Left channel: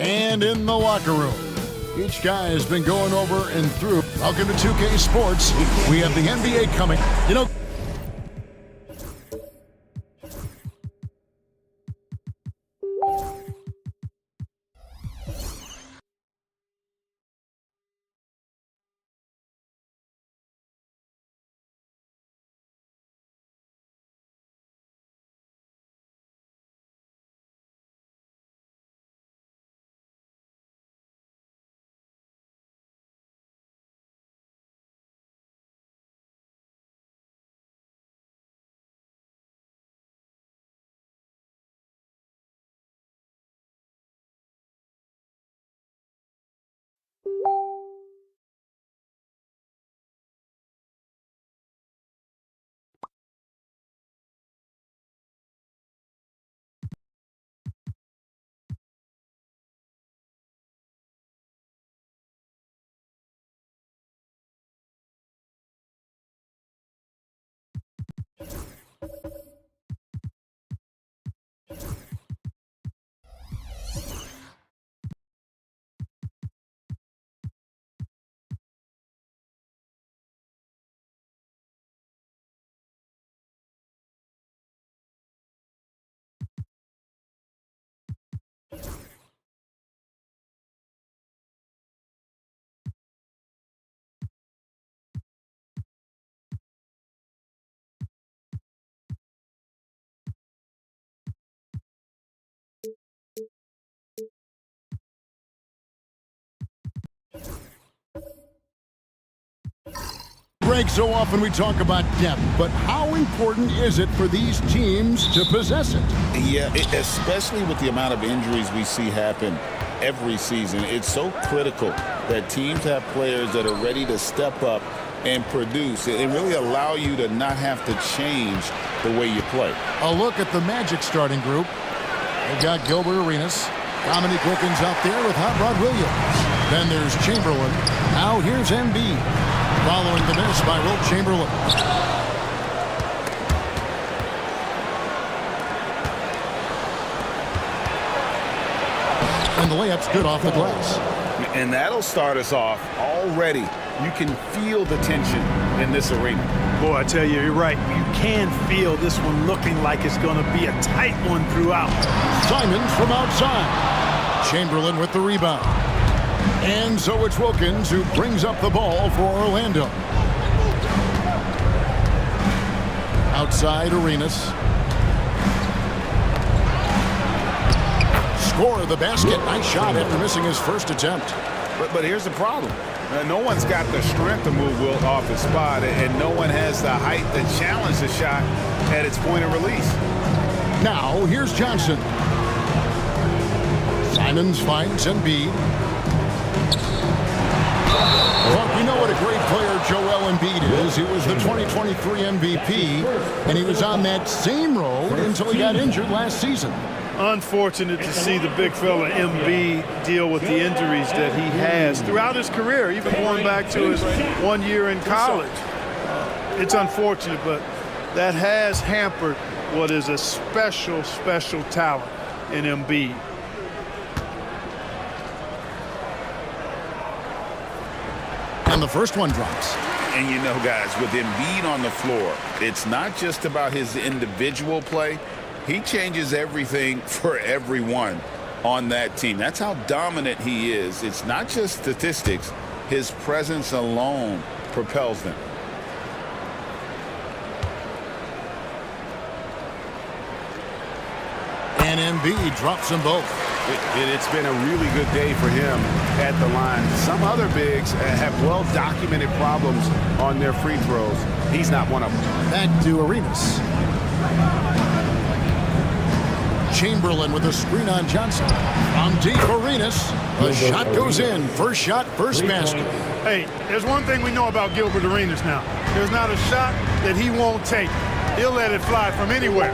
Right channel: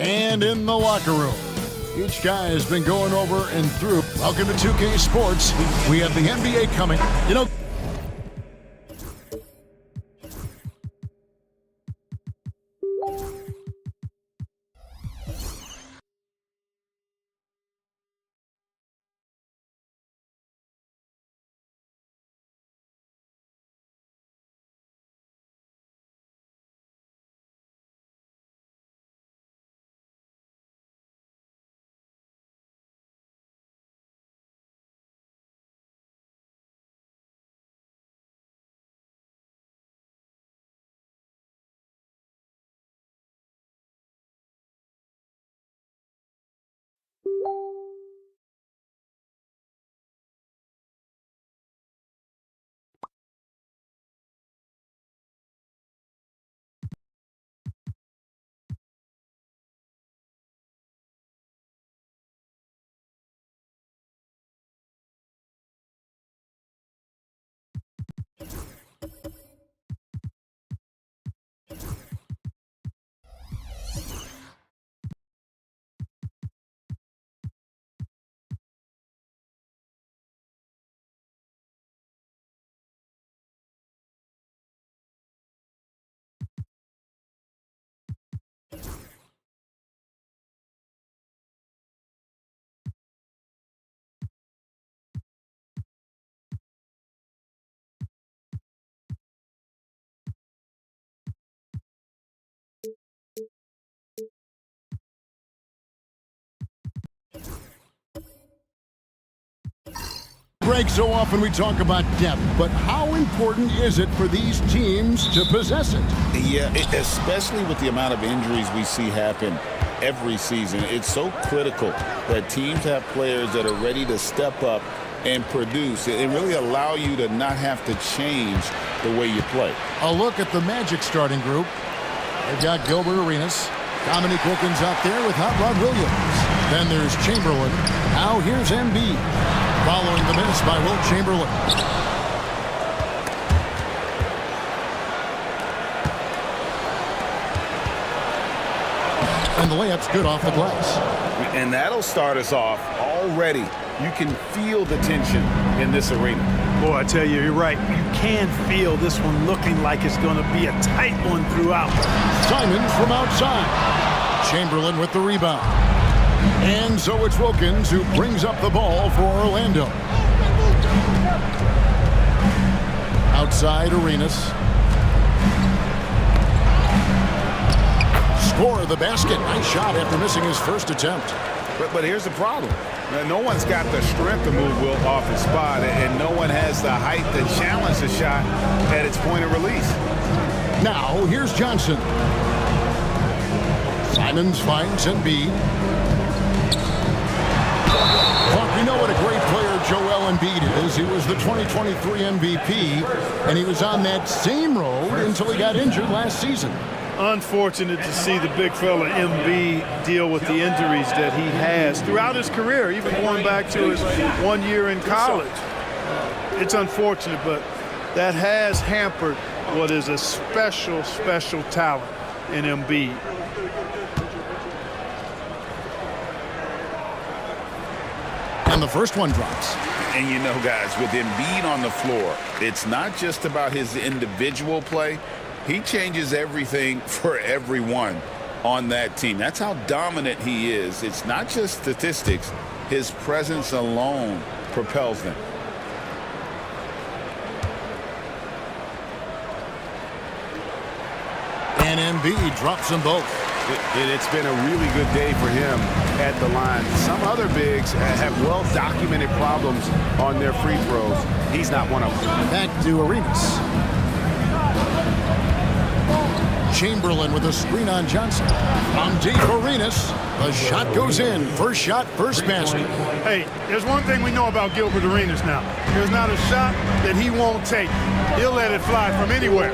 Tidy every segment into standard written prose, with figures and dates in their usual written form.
And in the locker room, each guy has been going over and through. Welcome to 2K Sports. We have the NBA coming. You know, Greg, so often we talk about depth, but how important is it for these teams to possess it? Yeah, especially with the amount of injuries we see happen every season. It's so critical that teams have players that are ready to step up and produce and really allow you to not have to change the way you play. A look at the Magic starting group. They've got Gilbert Arenas. Dominique Wilkins out there with Hot Rod Williams. Then there's Chamberlain. Now here's Embiid. Following the miss by Wilt Chamberlain. And the layup's good off the glass. And that'll start us off already. You can feel the tension in this arena. Boy, I tell you, you're right. You can feel this one looking like it's going to be a tight one throughout. Simons from outside. Chamberlain with the rebound. And so it's Wilkins who brings up the ball for Orlando. Outside Arenas. Score the basket. Nice shot after missing his first attempt. But here's the problem. No one's got the strength to move Wilt off his spot, and no one has the height to challenge the shot at its point of release. Now, here's Johnson. Simons finds Embiid. Mark, we know what a great player Joel Embiid is. He was the 2023 MVP, and he was on that same road until he got injured last season. Unfortunate to see the big fella Embiid deal with the injuries that he has throughout his career, even going back to his 1 year in college. It's unfortunate, but that has hampered what is a special, special talent in Embiid. And the first one drops. And you know, guys, with Embiid on the floor, it's not just about his individual play. He changes everything for everyone on that team. That's how dominant he is. It's not just statistics. His presence alone propels them. And Embiid drops them both. It's been a really good day for him at the line. Some other bigs have well-documented problems on their free throws. He's not one of them. Back to Arenas. Chamberlain with a screen on Johnson. From deep, Arenas. The shot goes in. First shot, first basket. Hey, there's one thing we know about Gilbert Arenas now. There's not a shot that he won't take. He'll let it fly from anywhere.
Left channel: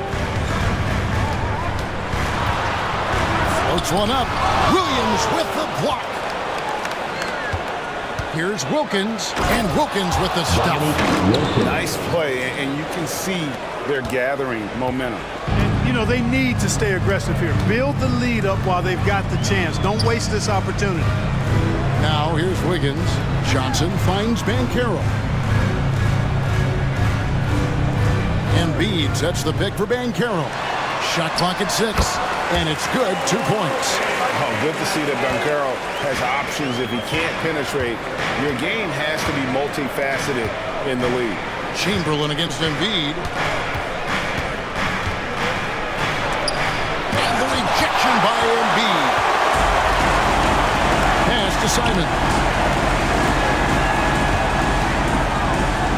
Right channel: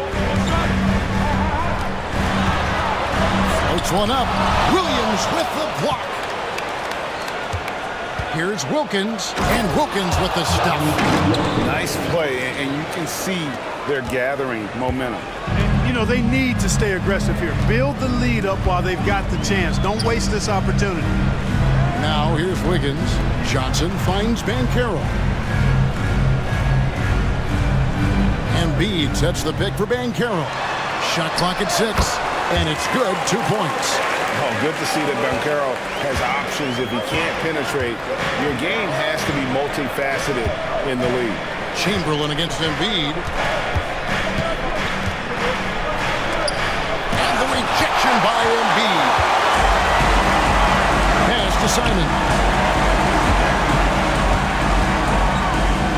Floats one up. Williams with the block. Here's Wilkins, and Wilkins with the stuff. Nice play, and you can see they're gathering momentum. And, you know, they need to stay aggressive here. Build the lead up while they've got the chance. Don't waste this opportunity. Now here's Wiggins. Johnson finds Banchero. Embiid sets the pick for Banchero. Shot clock at 6, and it's good. 2 points. Oh, good to see that Banchero has options if he can't penetrate. Your game has to be multifaceted in the league. Chamberlain against Embiid. And the rejection by Embiid. Pass to Simon.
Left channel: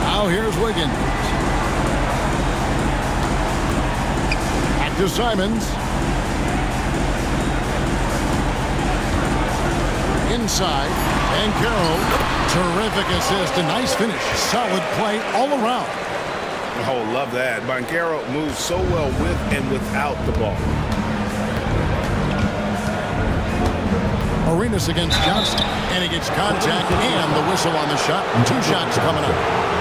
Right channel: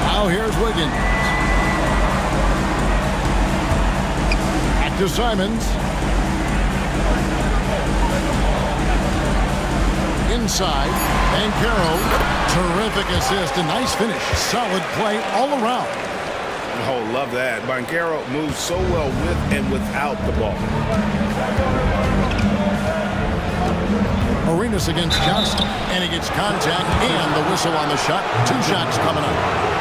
Now here's Wiggins. Back to Simons. Inside, Banchero, terrific assist, a nice finish, solid play all around. Oh, love that. Banchero moves so well with and without the ball. Arenas against Johnson, and he gets contact and the whistle on the shot. 2 shots coming up.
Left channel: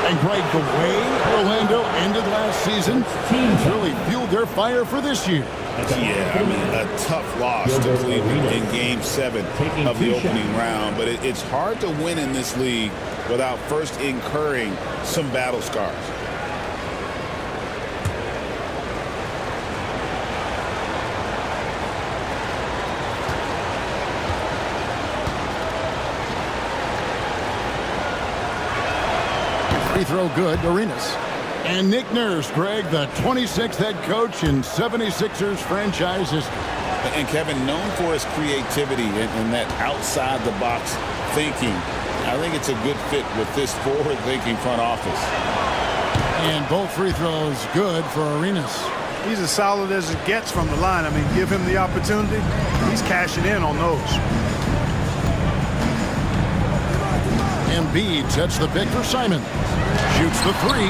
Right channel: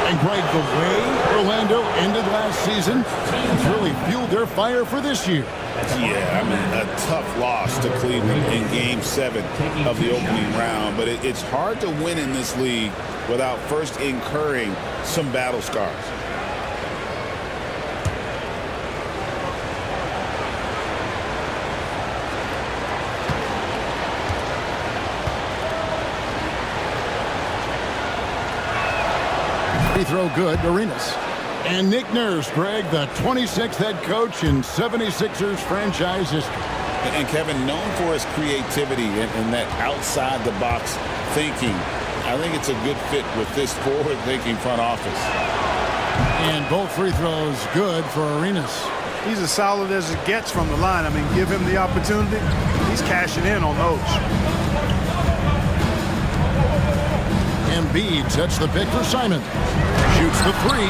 And Greg, the way Orlando ended last season, it's really fueled their fire for this year. Yeah, I mean, a tough loss to Cleveland in Game 7 of the opening round. But it's hard to win in this league without first incurring some battle scars. Free throw good, Arenas. And Nick Nurse, Greg, the 26th head coach in 76ers franchise history. And Kevin, known for his creativity and that outside-the-box thinking, I think it's a good fit with this forward-thinking front office. And both free throws good for Arenas. He's as solid as it gets from the line. I mean, give him the opportunity. He's cashing in on those. Embiid sets the pick for Simon. Shoots the 3.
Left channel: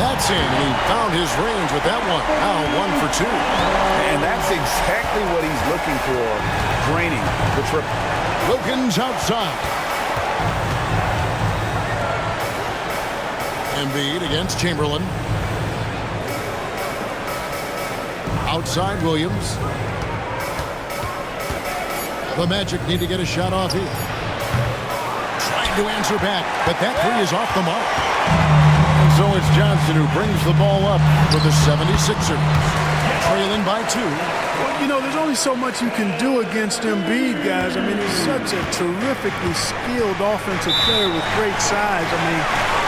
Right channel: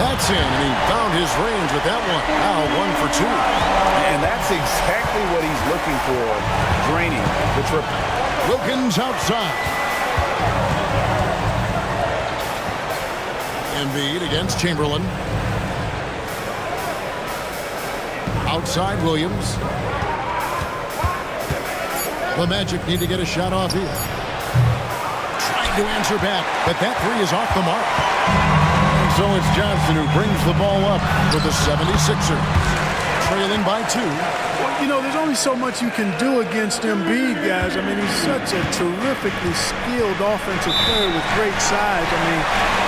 That's in, and he found his range with that one. Now 1 for 2. And that's exactly what he's looking for, draining the triple. Wilkins outside. Embiid against Chamberlain. Outside Williams. The Magic need to get a shot off here. Trying to answer back, but that 3 is off the mark. And so it's Johnson who brings the ball up for the 76ers. Trailing by 2. Well, you know, there's only so much you can do against Embiid, guys. I mean, he's such a terrifically skilled offensive player with great size. I mean,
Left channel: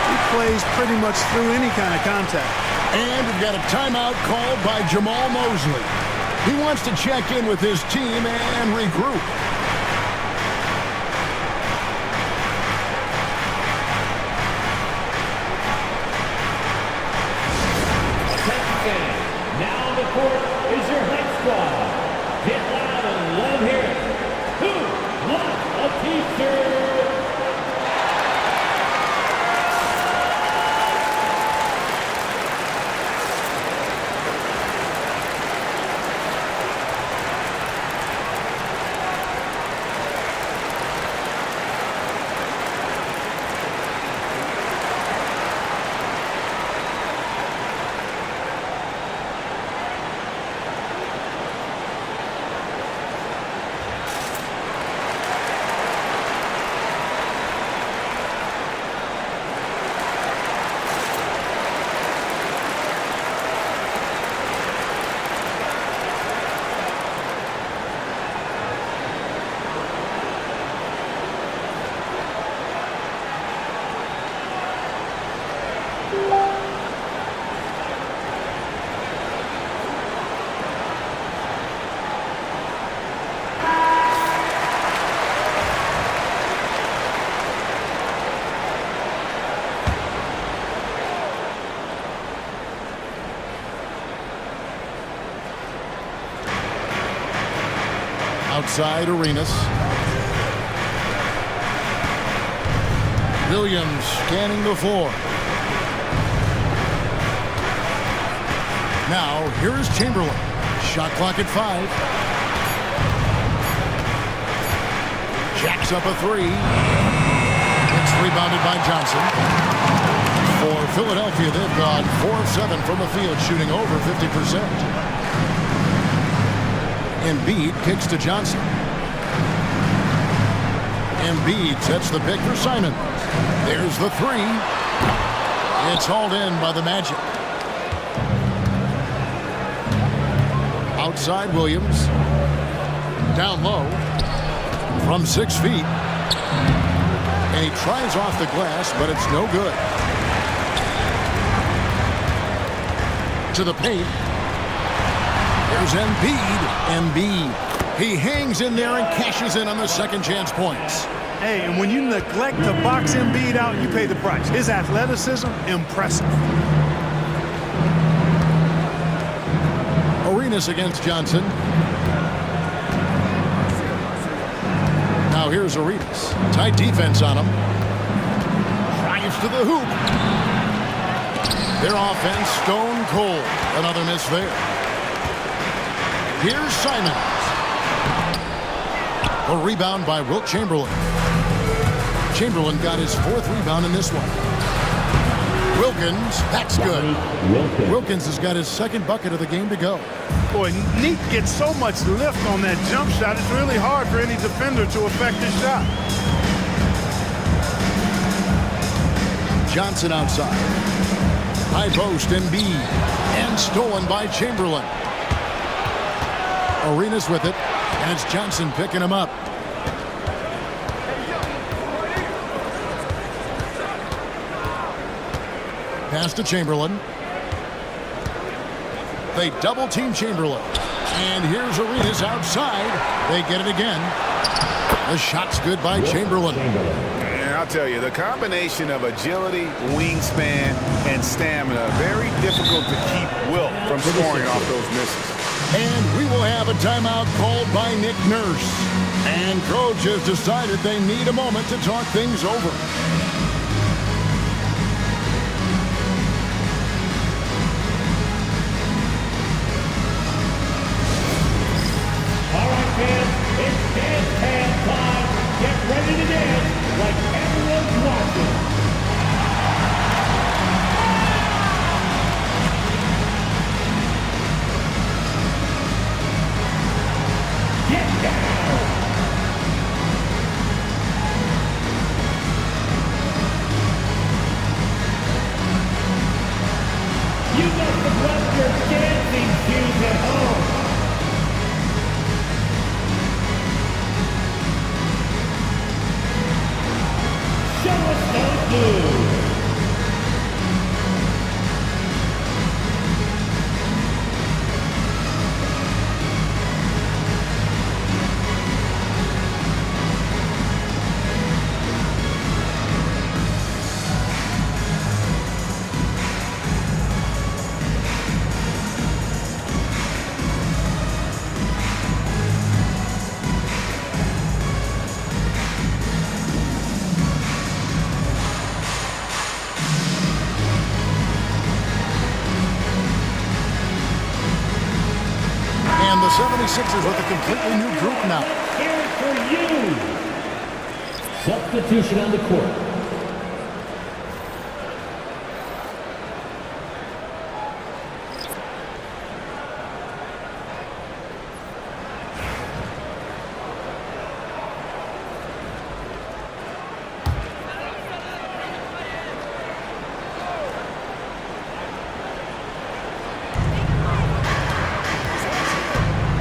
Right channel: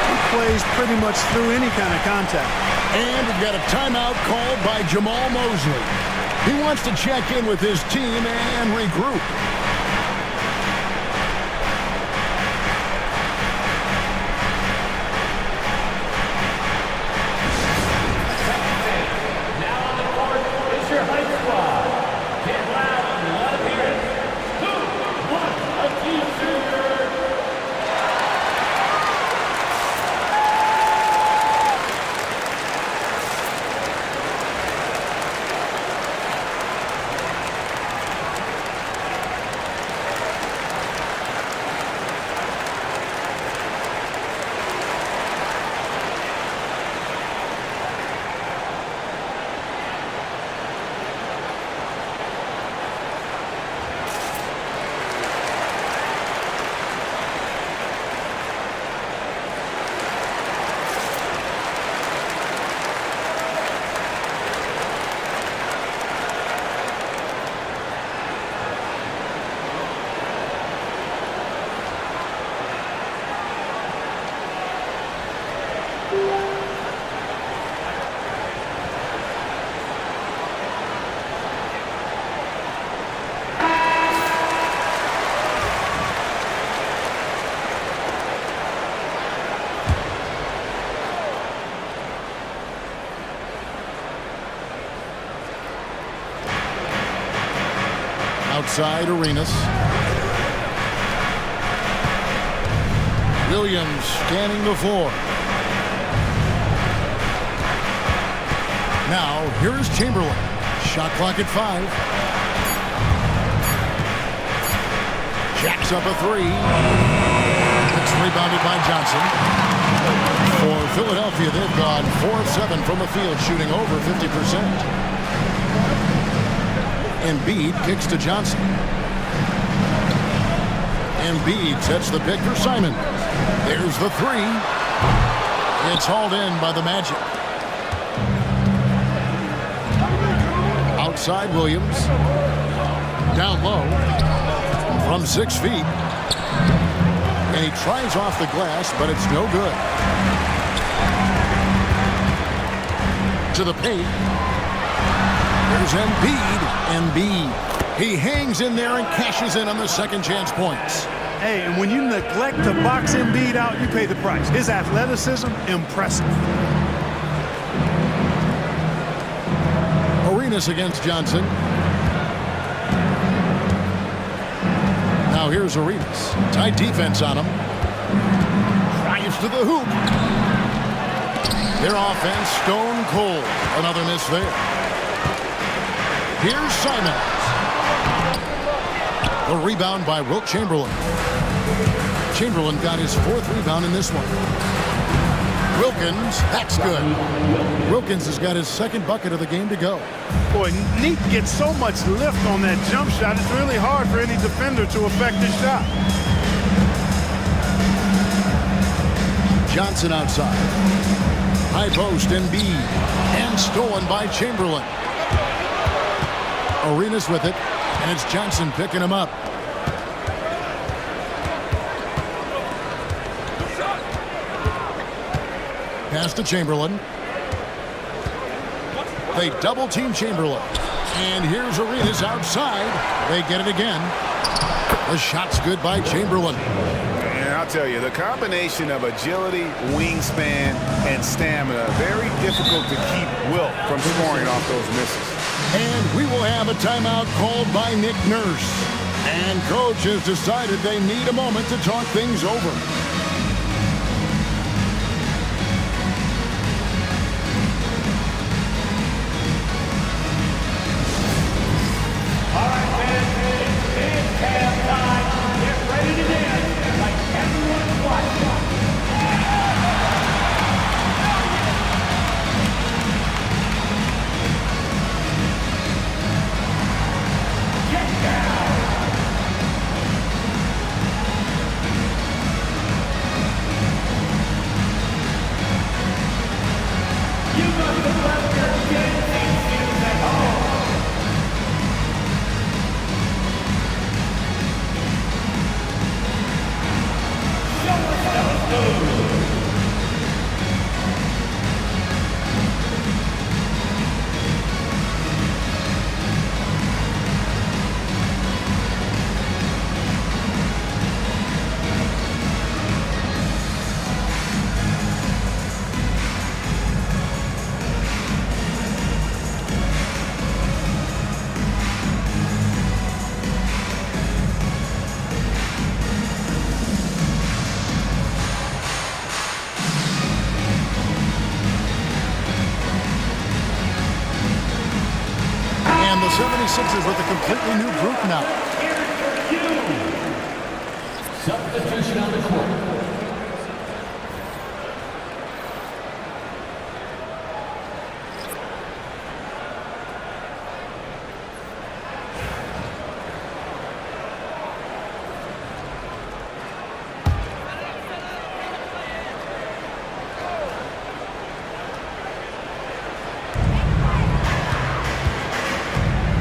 he plays pretty much through any kind of contact. And we've got a timeout called by Jamal Mosley. He wants to check in with his team and regroup. Outside Arenas. Williams scanning the floor. Now, here is Chamberlain. Shot clock at 5. Jacks up a 3. It's rebounded by Johnson. For Philadelphia, they've gone 4 of 7 from the field, shooting over 50%. Embiid kicks to Johnson. Embiid sets the pick for Simon. There's the 3. It's hauled in by the Magic. Outside Williams. Down low. From 6 feet. And he tries off the glass, but it's no good. To the paint. There's Embiid. Embiid. He hangs in there and cashes in on the second chance points. Hey, and when you neglect to box Embiid out, you pay the price. His athleticism, impressive. Arenas against Johnson. Now here's Arenas. Tight defense on him. Drives to the hoop. Their offense stone cold. Another miss there. Here's Simons. The rebound by Wilt Chamberlain. Chamberlain got his 4th rebound in this one. Wilkins, that's good. Wilkins has got his 2nd bucket of the game to go. Boy, Neat gets so much lift on that jump shot, it's really hard for any defender to affect his shot. Johnson outside. High post, Embiid. And stolen by Chamberlain. Arenas with it, and it's Johnson picking him up. Pass to Chamberlain. They double-team Chamberlain. And here's Arenas outside. They get it again. The shot's good by Chamberlain. And I'll tell you, the combination of agility, wingspan, and stamina, very difficult to keep Wilt from scoring off those misses. And we will have a timeout called by Nick Nurse. And coach has decided they need a moment to talk things over. All right, fans, it's dance time. Get ready to dance like everyone's watching. Get down. You must have left your dancing shoes at home. Show us those moves. And the 76ers with a completely new group now. Here for you. Substitution on the court.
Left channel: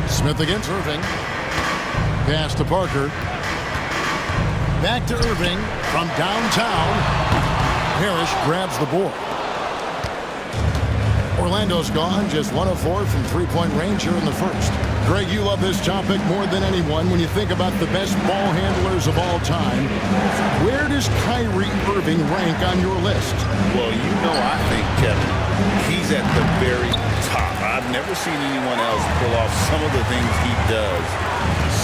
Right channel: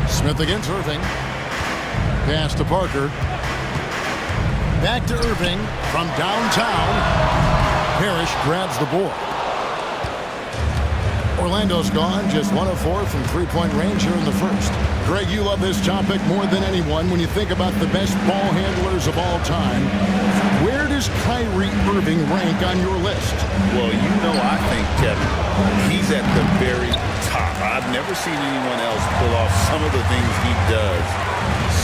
Smith against Irving. Pass to Parker. Back to Irving from downtown. Parrish grabs the board. Orlando's gone, just 1 of 4 from three-point range here in the first. Greg, you love this topic more than anyone. When you think about the best ball handlers of all time, where does Kyrie Irving rank on your list? Well, you know, I think, Kevin, he's at the very top. I've never seen anyone else pull off some of the things he does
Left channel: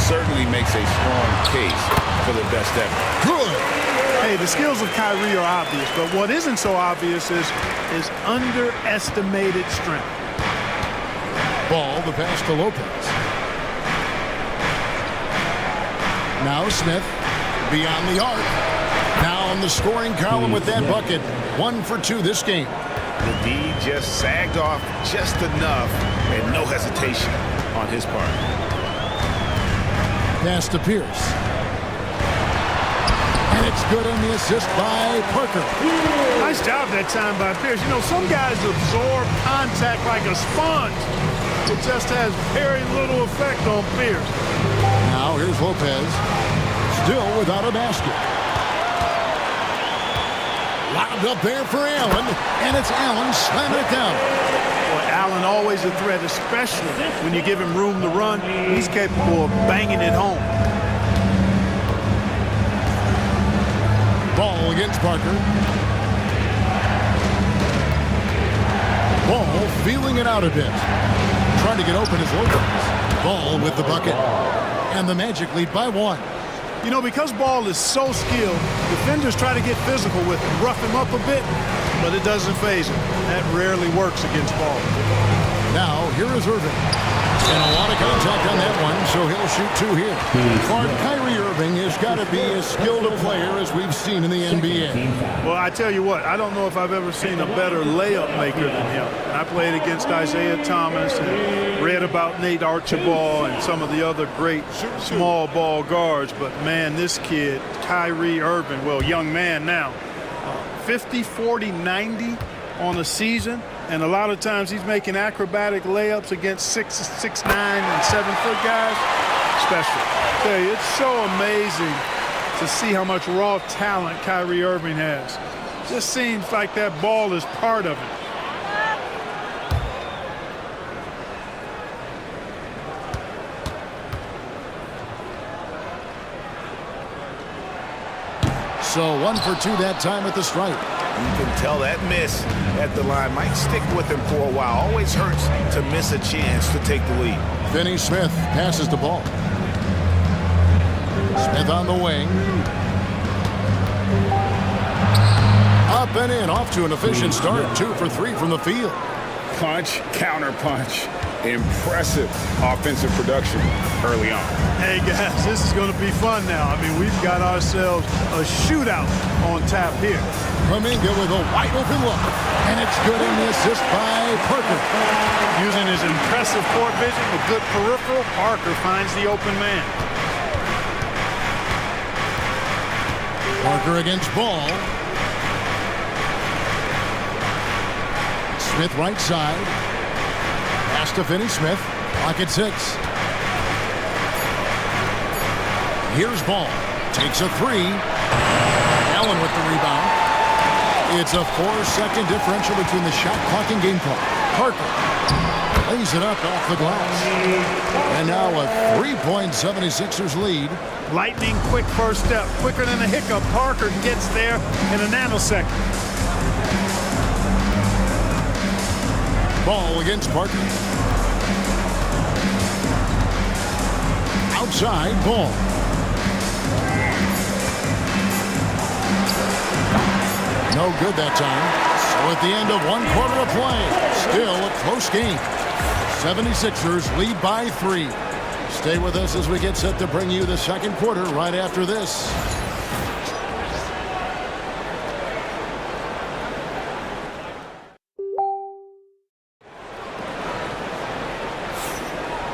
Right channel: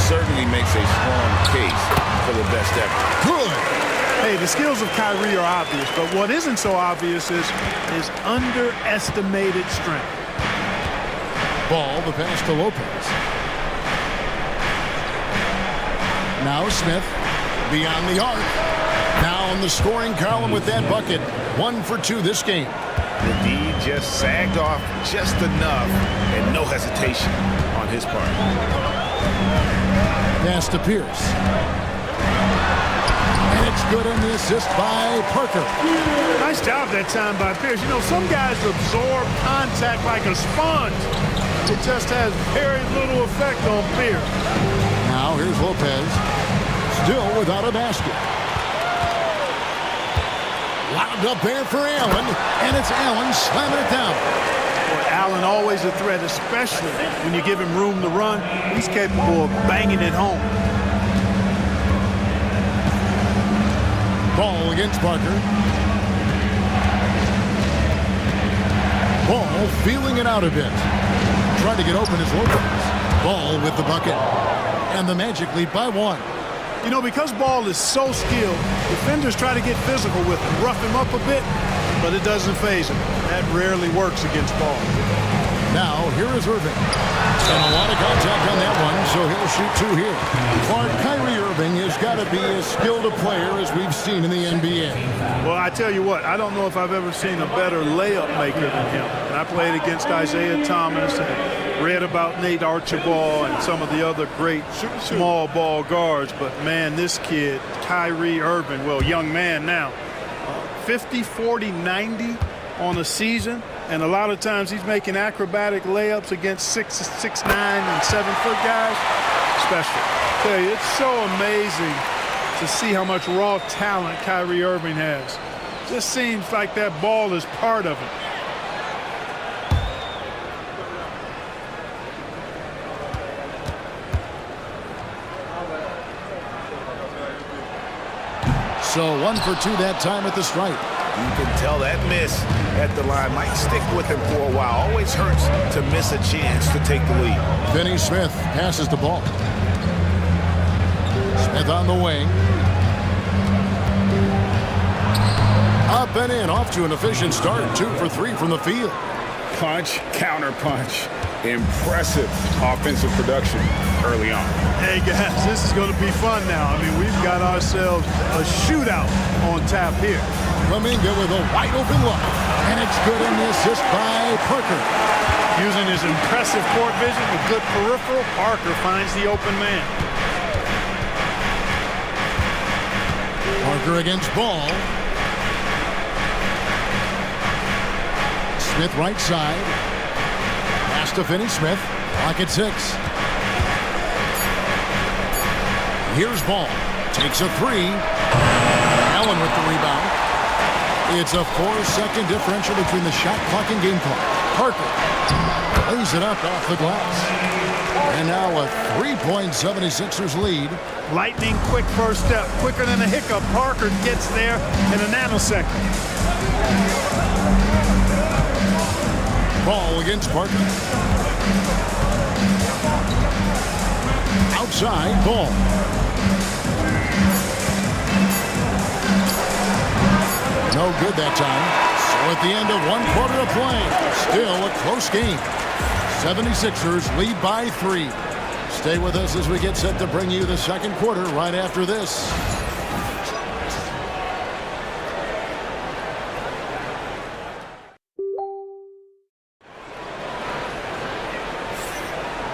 certainly makes a strong case for the best ever. Good. Hey, the skills of Kyrie are obvious, but what isn't so obvious is his underestimated strength. Ball, the pass to Lopez. Now Smith beyond the arc. Now in the scoring column with that bucket. 1 for 2 this game. The D just sagged off just enough, and no hesitation on his part. Pass to Pierce. And it's good on the assist by Parker. Nice job that time by Pierce. You know, some guys absorb contact like a sponge. It just has very little effect on Pierce. Now here's Lopez. Still without a basket. Lobbed up there for Allen. And it's Allen slamming it down. Boy, Allen always a threat, especially when you give him room to run. He's capable of banging it home. Ball against Parker. Ball feeling it out a bit. Trying to get open is Lopez. Ball with the bucket. And the Magic lead by 1. You know, because Ball is so skilled, defenders try to get physical with him, rough him up a bit, but it doesn't faze him. That rarely works against Ball. Now, here is Irving. And a lot of contact on that one, so he'll shoot 2 here. Clark, Kyrie Irving has got to be as skilled a player as we've seen in the NBA. Well, I tell you what, I don't know if I've ever seen a better layup maker than him. And I played against Isaiah Thomas and read about Nate Archibald and some of the other great small ball guards. But, man, this kid, Kyrie Irving, well, young man now, 50, 40, 90 on a season. And a lot of times he's making acrobatic layups against 6'9" and 7-foot guys. Special. I tell you, it's so amazing to see how much raw talent Kyrie Irving has. Just seems like that ball is part of it. So 1 for 2 that time at the stripe. You can tell that miss at the line might stick with him for a while. Always hurts to miss a chance to take the lead. Finney Smith passes the ball. Smith on the wing. Up and in, off to an efficient start. 2 for 3 from the field. Punch, counter punch. Impressive offensive production early on. Hey, guys, this is going to be fun now. I mean, we've got ourselves a shootout on tap here. Kuminga with a wide open look. And it's good in the assist by Parker. Using his impressive court vision, a good peripheral, Parker finds the open man. Parker against Ball. Smith right side. Pass to Finney Smith. Clock at 6. Here's Ball. Takes a 3. Allen with the rebound. It's a 4-second differential between the shot clock and game clock. Parker lays it up off the glass. And now a 3-point 76ers lead. Lightning quick first step. Quicker than a hiccup. Parker gets there in a nanosecond. Ball against Parker. Outside, Ball. No good that time. So at the end of 1 quarter of play, still a close game. 76ers lead by 3. Stay with us as we get set to bring you the second quarter right after this.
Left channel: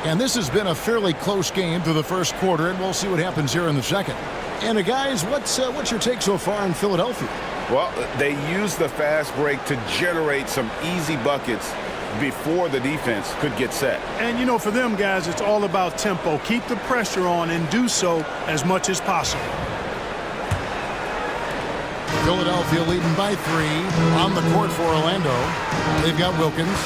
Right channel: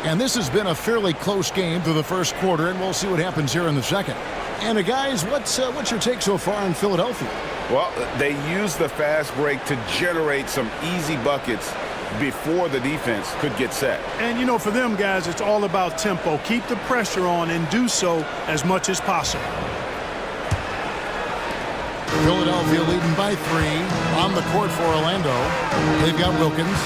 And this has been a fairly close game through the first quarter, and we'll see what happens here in the second. And guys, what's your take so far in Philadelphia? Well, they used the fast break to generate some easy buckets before the defense could get set. And, you know, for them guys, it's all about tempo. Keep the pressure on and do so as much as possible. Philadelphia leading by 3 on the court for Orlando. They've got Wilkins.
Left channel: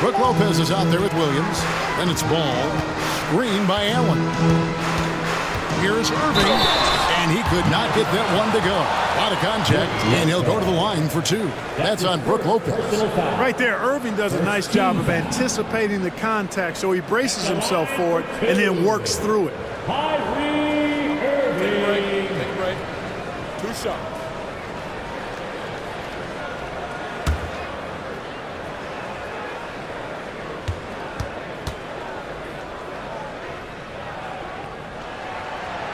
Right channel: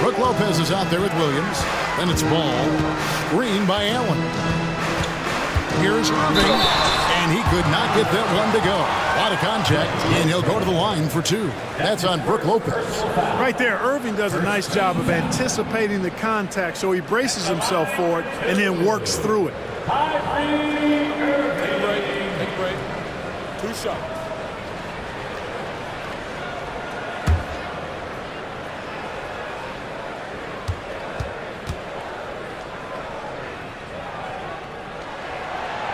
Brook Lopez is out there with Williams. Then it's Ball. Screen by Allen. Here's Irving. And he could not get that one to go. A lot of contact, and he'll go to the line for 2. That's on Brook Lopez. Right there, Irving does a nice job of anticipating the contact, so he braces himself for it and then works through it. Kyrie Irving. Take a break. Take a break. 2 shots.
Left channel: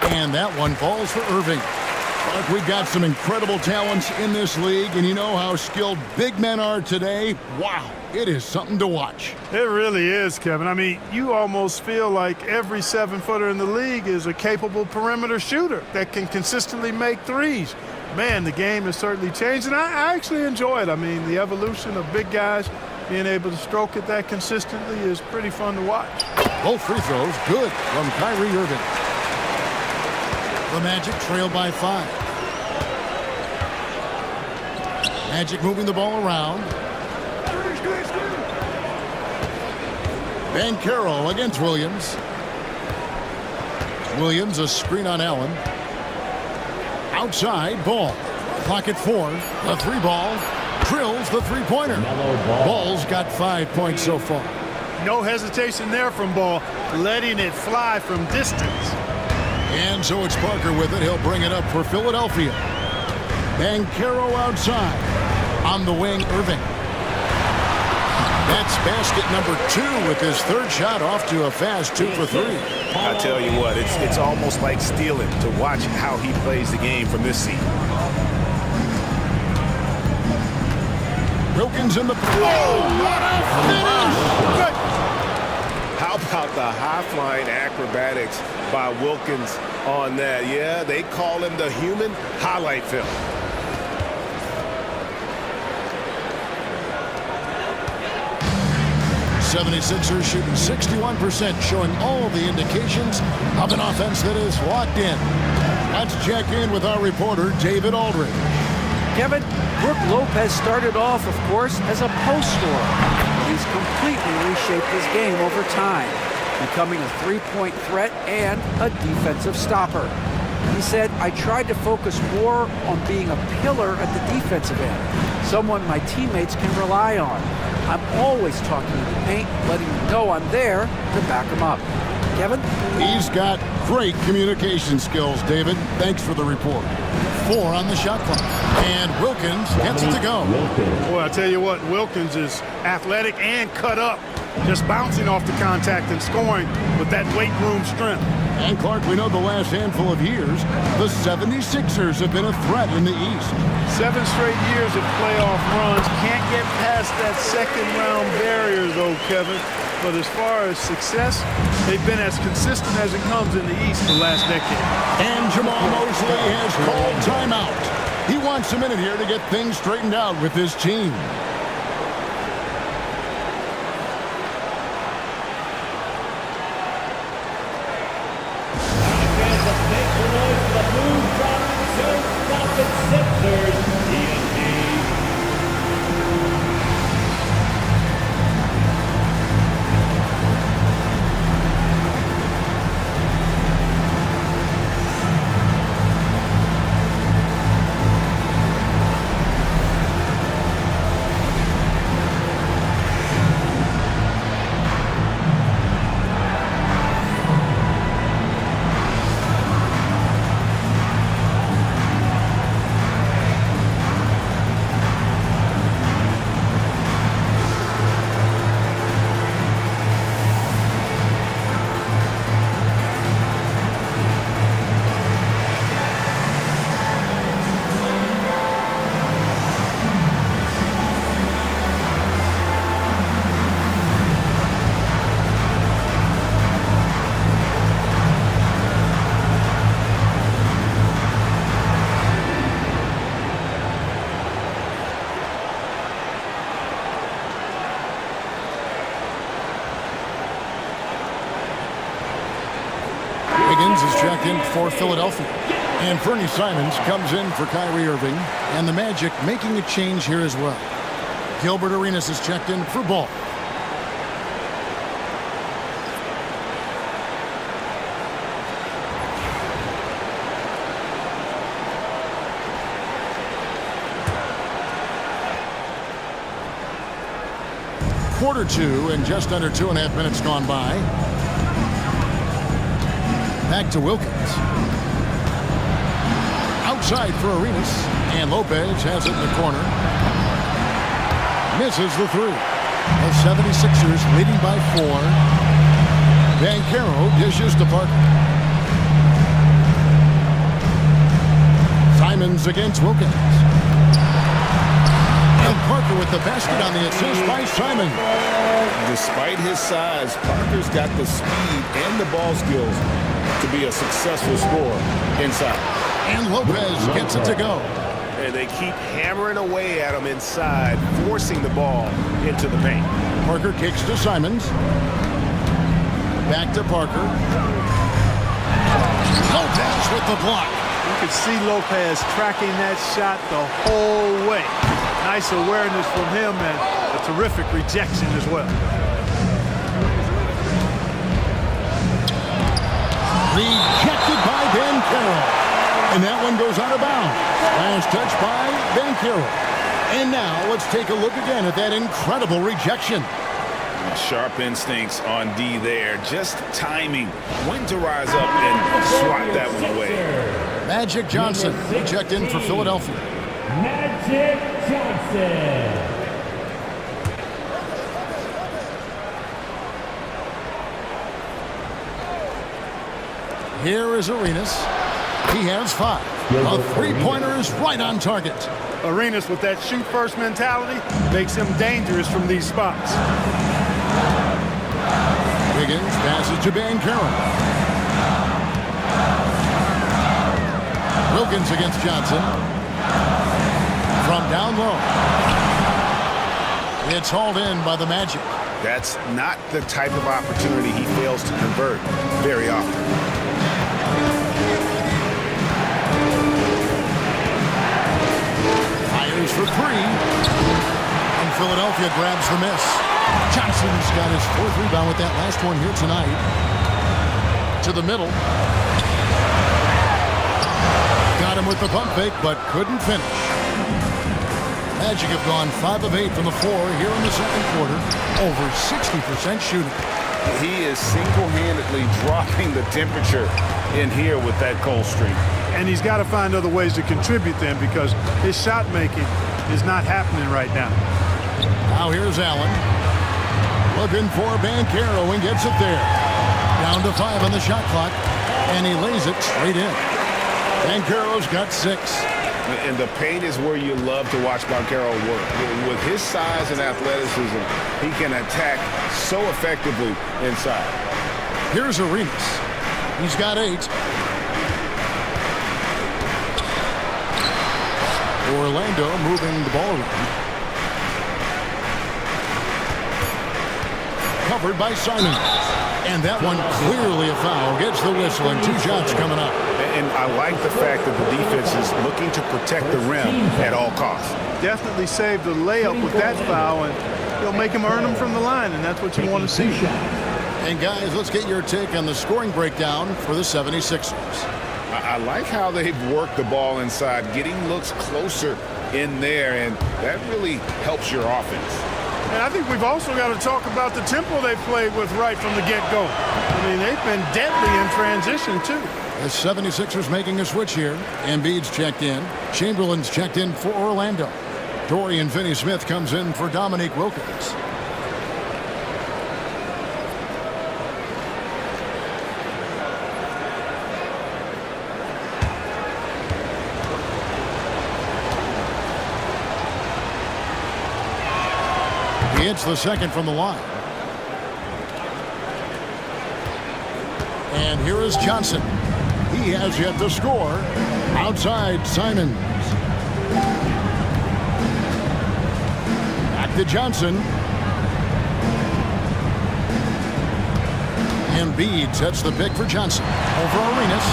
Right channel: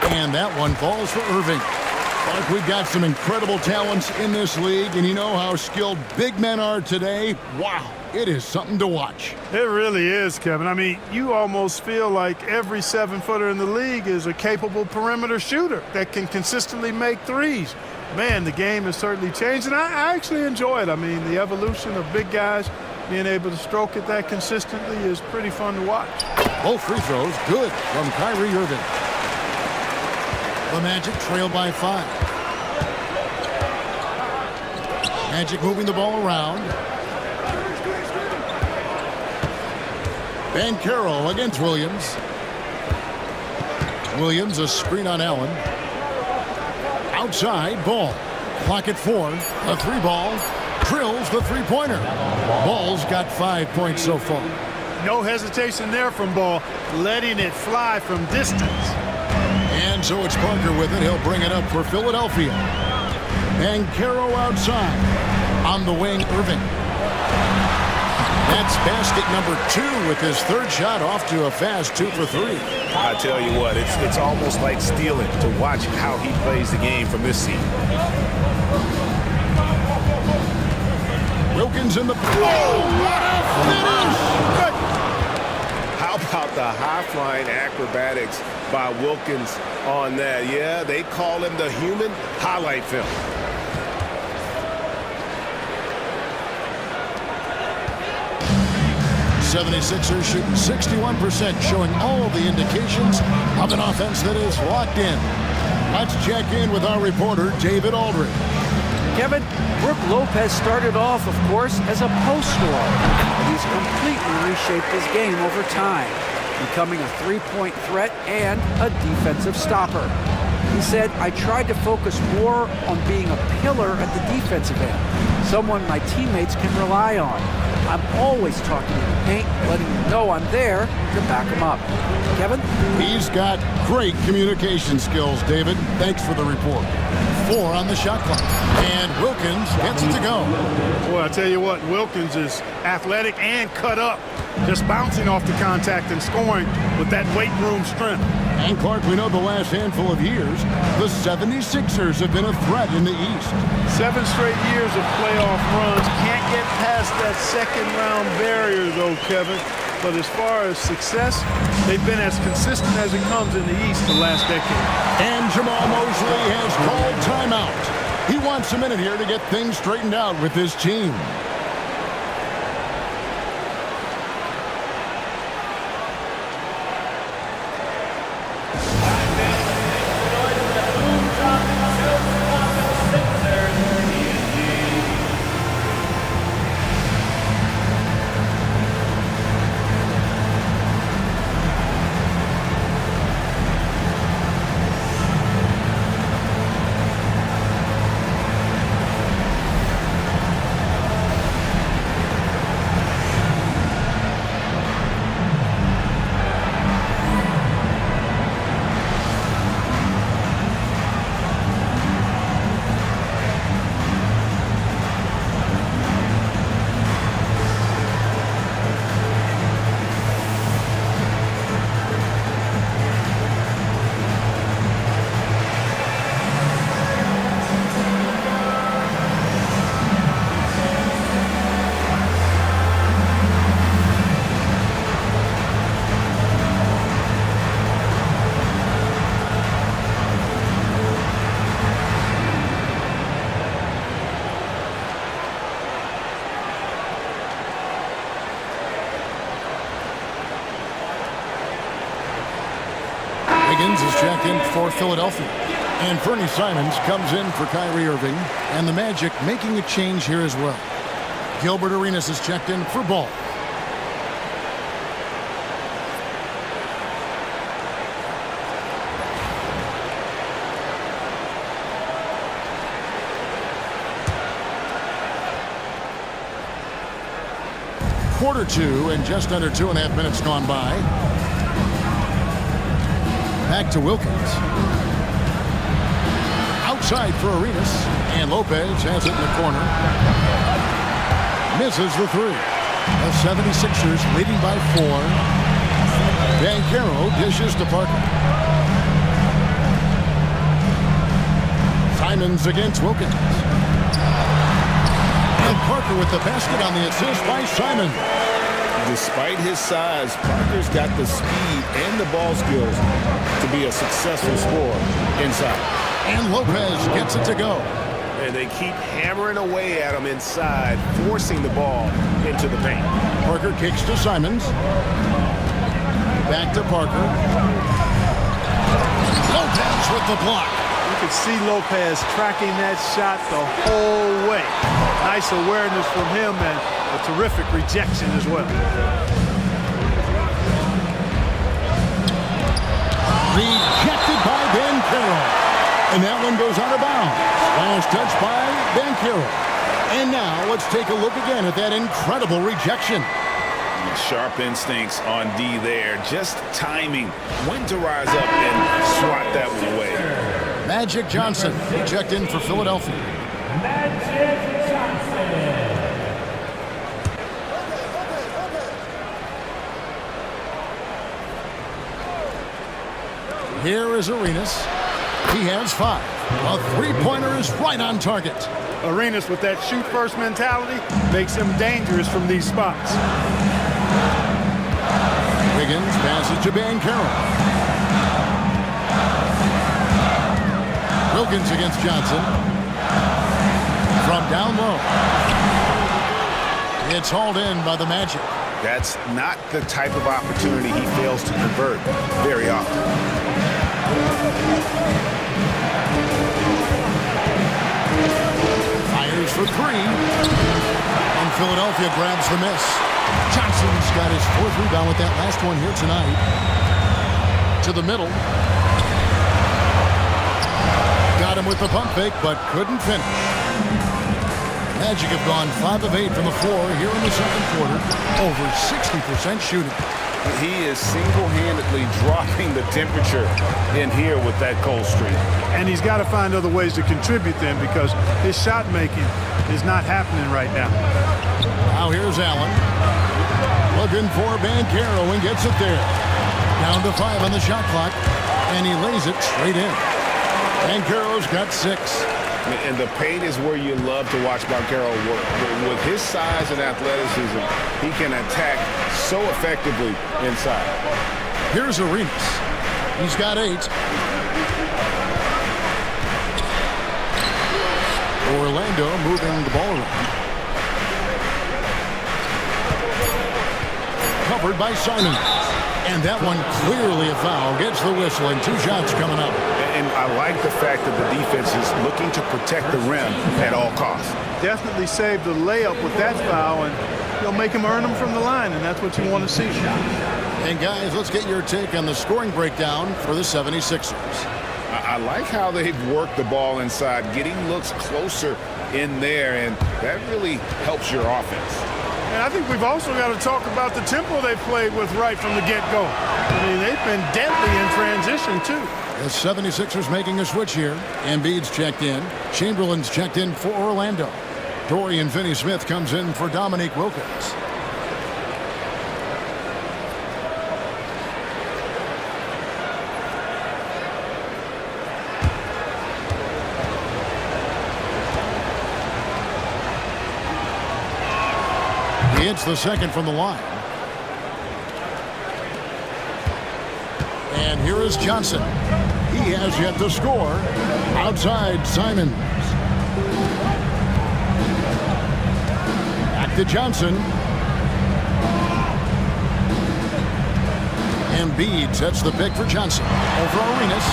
And that one falls for Irving. Clark, we've got some incredible talents in this league, and you know how skilled big men are today. Wow, it is something to watch. It really is, Kevin. I mean, you almost feel like every 7-footer in the league is a capable perimeter shooter that can consistently make threes. Man, the game has certainly changed, and I actually enjoy it. I mean, the evolution of big guys being able to stroke it that consistently is pretty fun to watch. Both free throws good from Kyrie Irving. The Magic trail by 5. Magic moving the ball around. Banchero against Williams. Williams a screen on Allen. Outside, Ball. Clock at 4. The 3-ball. Drills the 3-pointer. Ball's got 5 points so far. No hesitation there from Ball, letting it fly from distance. And so it's Parker with it. He'll bring it up for Philadelphia. Banchero outside. On the wing, Irving. That's basket number 2 with his 3rd shot off to a fast 2 for 3. I tell you what, it's almost like stealing to watch how he plays the game from this seat. Wilkins in the... Oh, what a finish! Good. How about the high-flying acrobatics by Wilkins on that? Yeah, they call him the human highlight film. '76ers shooting 61%, showing all the indications of an offense that is locked in. Let's check in with our reporter, David Aldridge. Kevin, Brook Lopez started off, of course, as a post scorer, but he's completely reshaped his game over time, becoming a three-point threat and a defensive stopper. He said, I tried to focus more on being a pillar at the defensive end, someone my teammates can rely on. I'm always talking in the paint, letting them know I'm there to back them up. Kevin? He's got great communication skills, David. Thanks for the report. 4 on the shot clock. And Wilkins gets it to go. Boy, I tell you what, Wilkins is athletic and cut up, just bouncing off the contact and scoring with that weight room strength. And Clark, we know the last handful of years, the 76ers have been a threat in the East. 7 straight years of playoff runs. Can't get past that second-round barrier, though, Kevin. But as far as success, they've been as consistent as it comes in the East the last decade. And Jamal Mosley has called timeout. He wants a minute here to get things straightened out with his team. Higgins is checked in for Philadelphia. And Fernie Simons comes in for Kyrie Irving. And the Magic making a change here as well. Gilbert Arenas is checked in for Ball. Quarter 2 and just under 2.5 minutes gone by. Back to Wilkins. Outside for Arenas. And Lopez has it in the corner. Misses the three. The 76ers leading by 4. Banchero dishes to Parker. Simons against Wilkins. And Parker with the basket on the assist by Simons. Despite his size, Parker's got the speed and the ball skills to be a successful scorer inside. And Lopez gets it to go. And they keep hammering away at him inside, forcing the ball into the paint. Parker kicks to Simons. Back to Parker. Lopez with the block. You could see Lopez tracking that shot the whole way. Nice awareness from him and a terrific rejection as well. Rejected by Banchero. And that one goes out of bounds. Last touch by Banchero. And now let's take a look again at that incredible rejection. Sharp instincts on D there. Just timing when to rise up and swat that one away. Magic Johnson, he checked in for Philadelphia. Magic Johnson. Here is Arenas. He has 5. A three-pointer is right on target. Arenas with that shoot-first mentality makes him dangerous from these spots. Wiggins passes to Banchero. Wilkins against Johnson. From down low. It's hauled in by the Magic. That's not the type of opportunity he fails to convert very often. Fires for 3. And Philadelphia grabs the miss. Johnson's got his 4th rebound with that last one here tonight. To the middle. Got him with the pump fake, but couldn't finish. Magic have gone 5 of 8 from the floor here in the second quarter. Over 60% shooting. He is single-handedly dropping the temperature in here with that cold streak. And he's got to find other ways to contribute then because his shot making is not happening right now. Now here's Allen. Looking for Banchero and gets it there. Down to 5 on the shot clock. And he lays it straight in. Banchero's got 6. And the paint is where you love to watch Banchero work. With his size and athleticism, he can attack so effectively inside. Here's Arenas. He's got 8. Orlando moving the ball around. Covered by Simons. And that one clearly a foul. Gets the whistle and 2 shots coming up. And I like the fact that the defense is looking to protect the rim at all costs. Definitely saved the layup with that foul, and he'll make him earn them from the line, and that's what you want to see. And guys, let's get your take on the scoring breakdown for the 76ers. I like how they've worked the ball inside, getting looks closer in there, and that really helps your offense. And I think we've also got to talk about the tempo they played with right from the get-go. I mean, they've been deadly in transition, too. The 76ers making a switch here. Embiid's checked in. Chamberlain's checked in for Orlando. Dorian Finney-Smith comes in for Dominique Wilkins. He hits the second from the line. And here is Johnson. He has yet to score. Outside, Simons. Back to Johnson. Embiid sets the pick for Johnson. Over Arenas.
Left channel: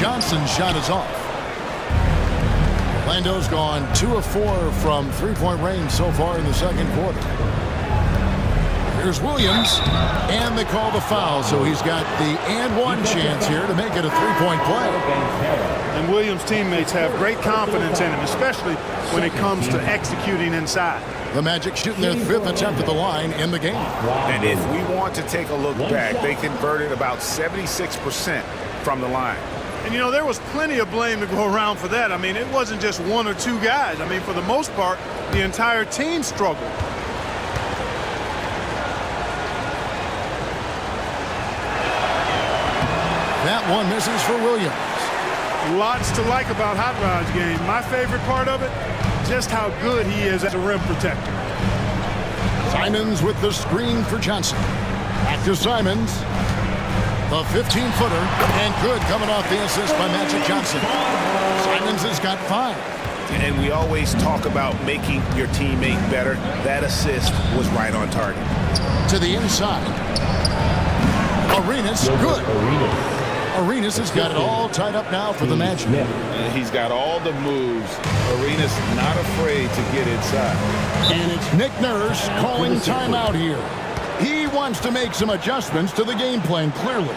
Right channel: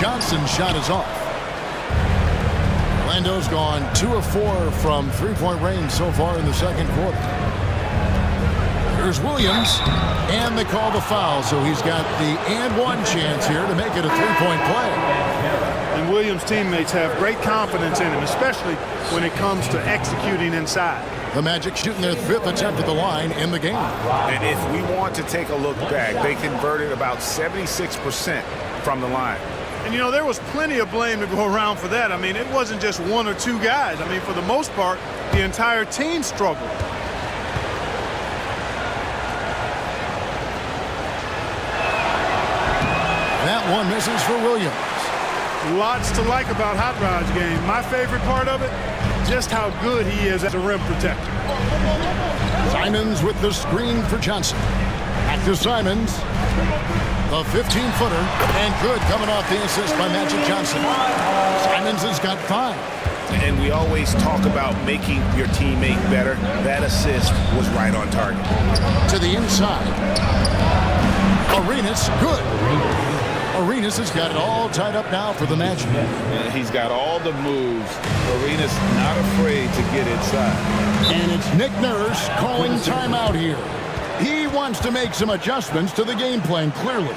Johnson's shot is off. Orlando's gone 2 of 4 from three-point range so far in the second quarter. Here's Williams, and they call the foul, so he's got the and one chance here to make it a three-point play. And Williams' teammates have great confidence in him, especially when it comes to executing inside. The Magic shooting their 5th attempt at the line in the game. And if we want to take a look back, they converted about 76% from the line. And, you know, there was plenty of blame to go around for that. I mean, it wasn't just one or two guys. I mean, for the most part, the entire team struggled. That one misses for Williams. Lots to like about Hot Rod's game. My favorite part of it, just how good he is as a rim protector. Simons with the screen for Johnson. Back to Simons. The 15-footer. And good coming off the assist by Magic Johnson. Simons has got 5. And we always talk about making your teammate better. That assist was right on target. To the inside. Arenas, good. Arenas has got it all tied up now for the Magic. He's got all the moves. Arenas not afraid to get inside. And it's Nick Nurse calling timeout here. He wants to make some adjustments to the game plan, clearly.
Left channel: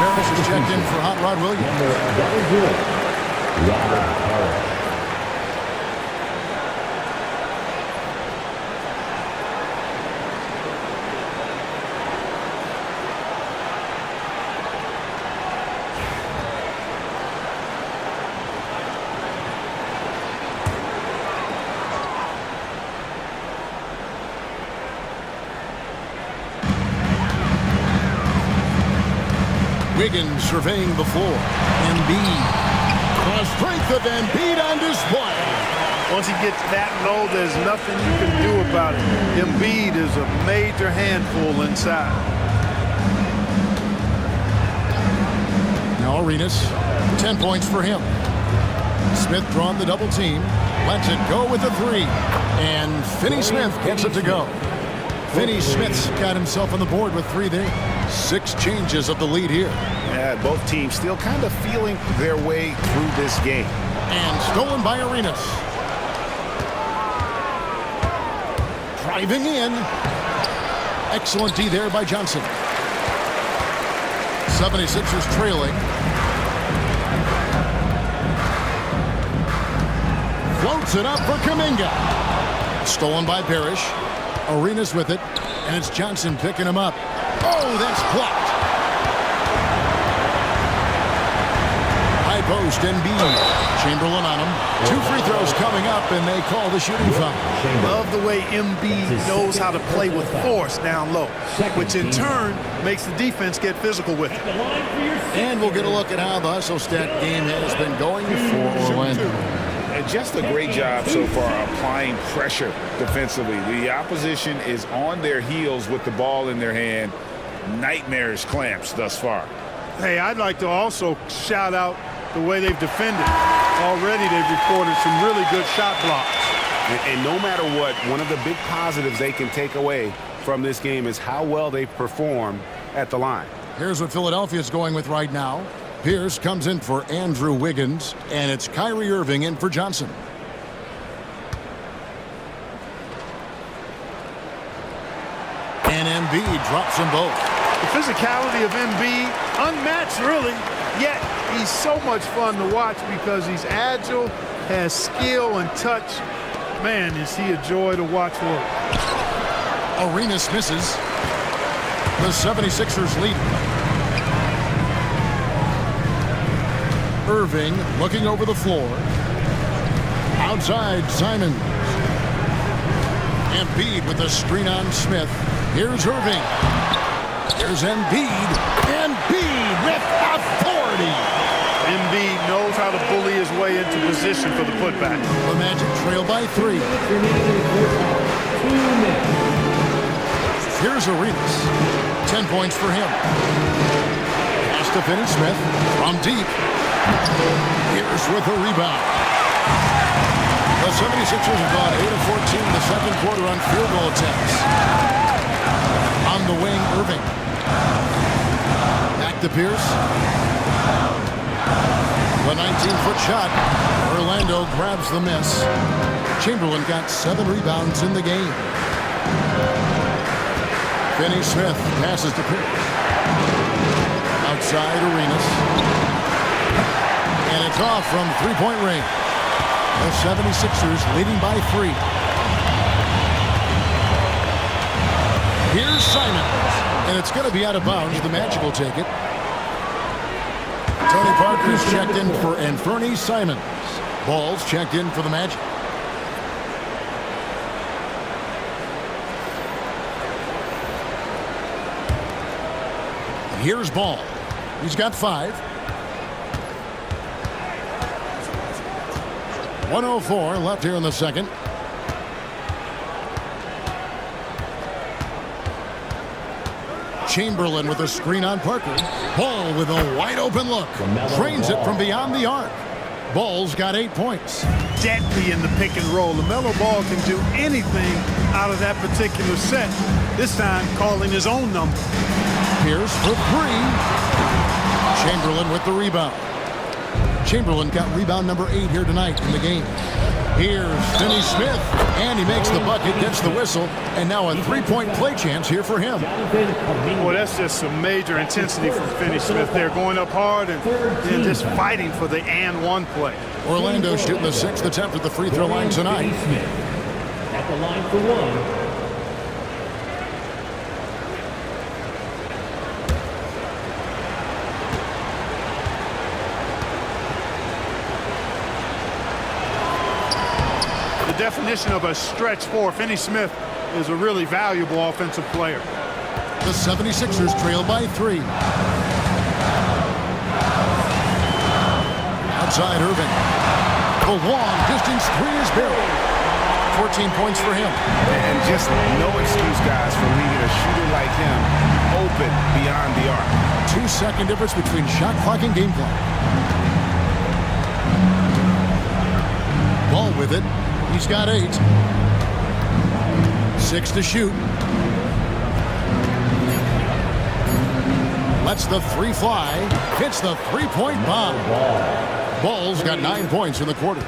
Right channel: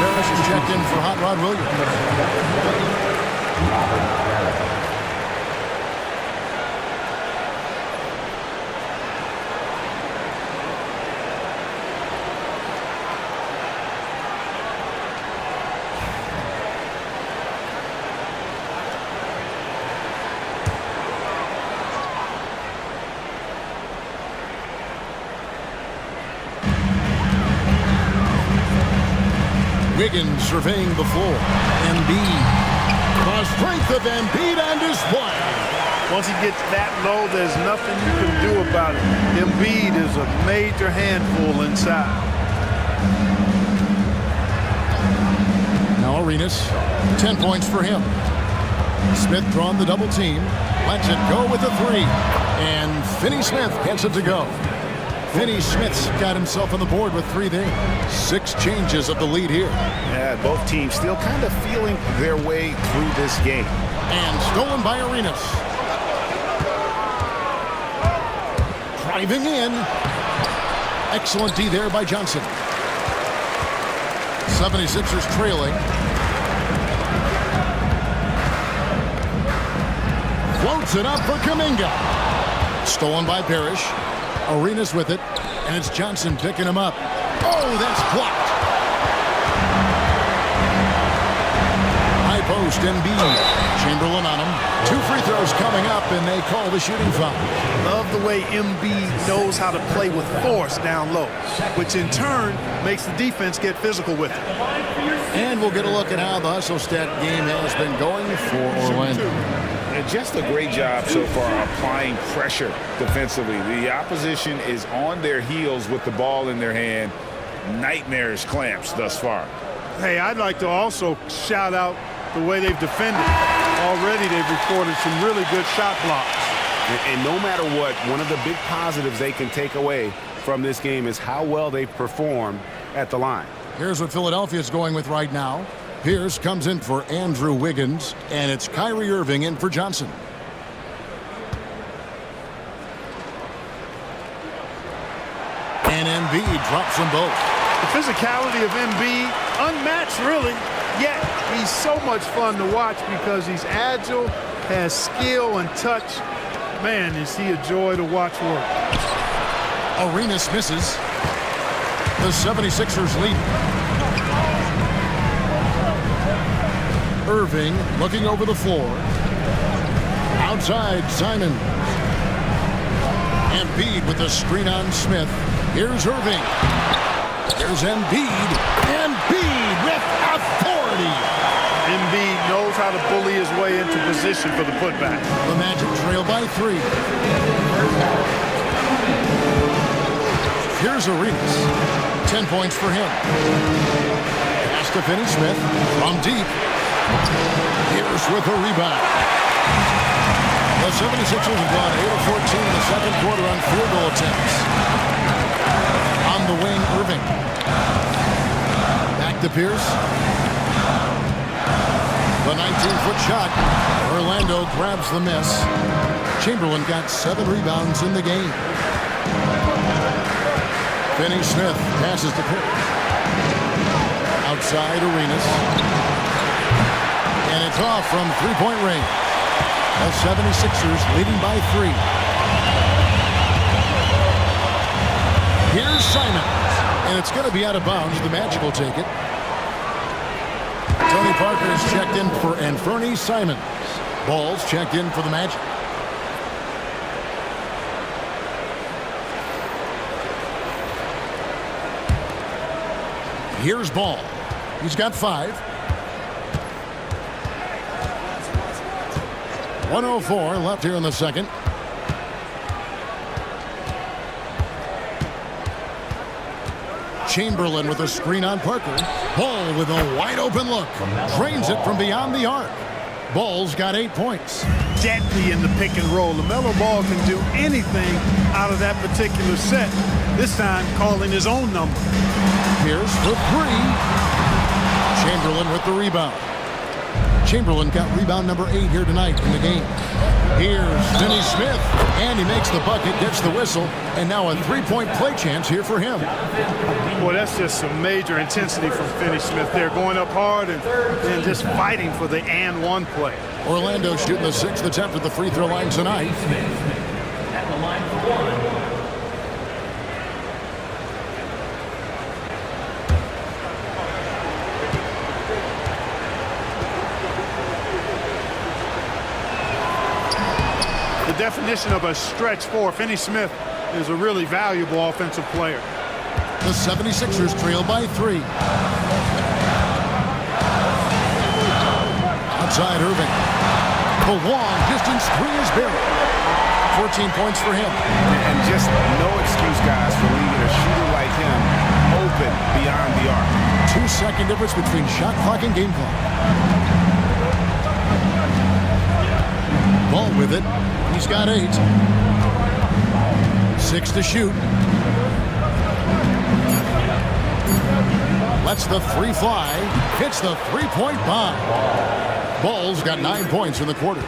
Parrish is checked in for Hot Rod Williams. Robert Parrish. Wiggins surveying the floor. Embiid. The strength of Embiid on display. Once he gets that low, there's nothing you can do about it. Embiid is a major handful inside. Now Arenas, 10 points for him. Smith drawn the double team. Lets it go with the 3. And Finney Smith gets it to go. Finney Smith's got himself on the board with 3 there. 6 changes of the lead here. Yeah, both teams still kind of feeling their way through this game. And stolen by Arenas. Driving in. Excellent D there by Johnson. 76ers trailing. Floats it up for Kuminga. Stolen by Parrish. Arenas with it, and it's Johnson picking him up. Oh, that's blocked. High post, Embiid. Chamberlain on him. 2 free throws coming up, and they call the shooting foul. Love the way Embiid knows how to play with force down low, which in turn makes the defense get physical with it. And we'll get a look at how the hustle stat game has been going for Orlando. And just a great job so far applying pressure defensively. The opposition is on their heels with the ball in their hand. Nightmarish clamps thus far. Hey, I'd like to also shout out the way they've defended. Already they've recorded some really good shot blocks. And no matter what, one of the big positives they can take away from this game is how well they've performed at the line. Here's what Philadelphia's going with right now. Pierce comes in for Andrew Wiggins, and it's Kyrie Irving in for Johnson. And Embiid drops them both. The physicality of Embiid, unmatched really, yet he's so much fun to watch because he's agile, has skill and touch. Man, is he a joy to watch work. Arenas misses. The 76ers lead. Irving looking over the floor. Outside, Simons. Embiid with the screen on Smith. Here's Irving. Here's Embiid. Embiid with authority. Embiid knows how to bully his way into position for the putback. The Magic trail by 3. Here's Arenas. 10 points for him. Pass to Finney-Smith from deep. Here's with a rebound. The 76ers have gone 8 of 14 in the second quarter on field goal attempts. On the wing, Irving. Back to Pierce. The 19-foot shot. Orlando grabs the miss. Chamberlain got 7 rebounds in the game. Finney-Smith passes to Pierce. Outside, Arenas. And it's off from three-point range. The 76ers leading by 3. Here's Simons. And it's going to be out of bounds. The Magic will take it. Tony Parker's checked in for Anfernee Simons. Ball's checked in for the Magic. Here's Ball. He's got 5. 1:04 left here in the second. Chamberlain with a screen on Parker. Ball with a wide open look. Drains it from beyond the arc. Ball's got 8 points. Deadly in the pick and roll. LaMelo Ball can do anything out of that particular set. This time calling his own number. Pierce for 3. Chamberlain with the rebound. Chamberlain got rebound number 8 here tonight in the game. Here's Finney-Smith, and he makes the bucket, gets the whistle, and now a 3-point play chance here for him. Boy, that's just some major intensity from Finney-Smith there, going up hard and then just fighting for the and one play. Orlando shooting the 6th attempt at the free throw line tonight. At the line for 1. The definition of a stretch 4, Finney-Smith is a really valuable offensive player. The 76ers trail by 3. Outside Irving. The long distance 3 is buried. 14 points for him. And just no excuse, guys, for leaving a shooter like him open beyond the arc. 2-second difference between shot clock and game clock. Ball with it. He's got 8. 6 to shoot. Lets the 3 fly. Hits the 3-point bomb. Ball's got 9 points in the quarter.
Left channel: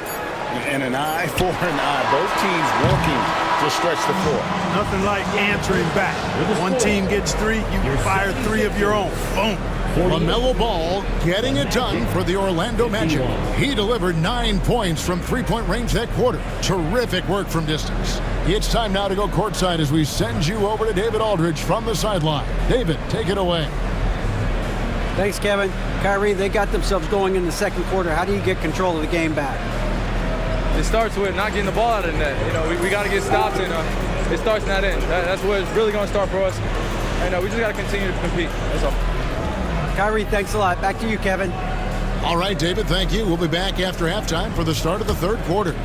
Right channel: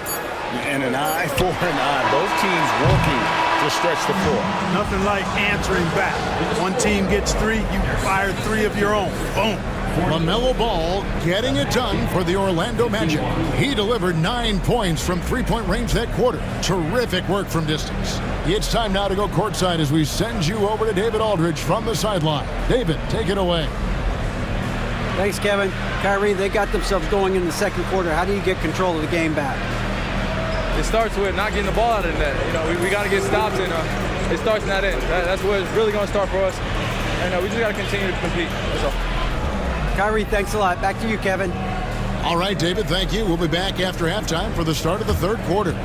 And an eye for an eye. Both teams working to stretch the floor. Nothing like answering back. One team gets 3, you fire 3 of your own. Boom. LaMelo Ball getting it done for the Orlando Magic. He delivered 9 points from 3-point range that quarter. Terrific work from distance. It's time now to go courtside as we send you over to David Aldridge from the sideline. David, take it away. Thanks, Kevin. Kyrie, they got themselves going in the second quarter. How do you get control of the game back? It starts with not getting the ball out of the net. You know, we got to get stops, and it starts in that end. That's where it's really going to start for us. And we just got to continue to compete. That's all. Kyrie, thanks a lot. Back to you, Kevin. All right, David, thank you. We'll be back after halftime for the start of the third quarter.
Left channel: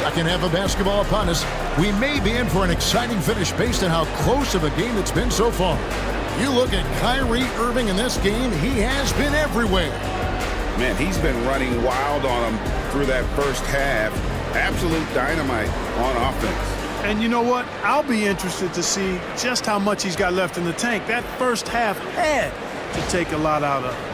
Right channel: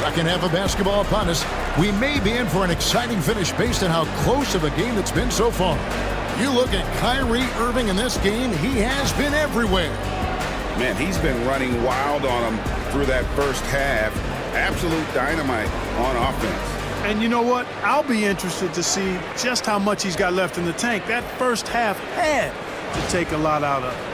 Second half of basketball upon us. We may be in for an exciting finish based on how close of a game it's been so far. You look at Kyrie Irving in this game, he has been everywhere. Man, he's been running wild on him through that first half. Absolute dynamite on offense. And you know what? I'll be interested to see just how much he's got left in the tank. That first half had to take a lot out of it.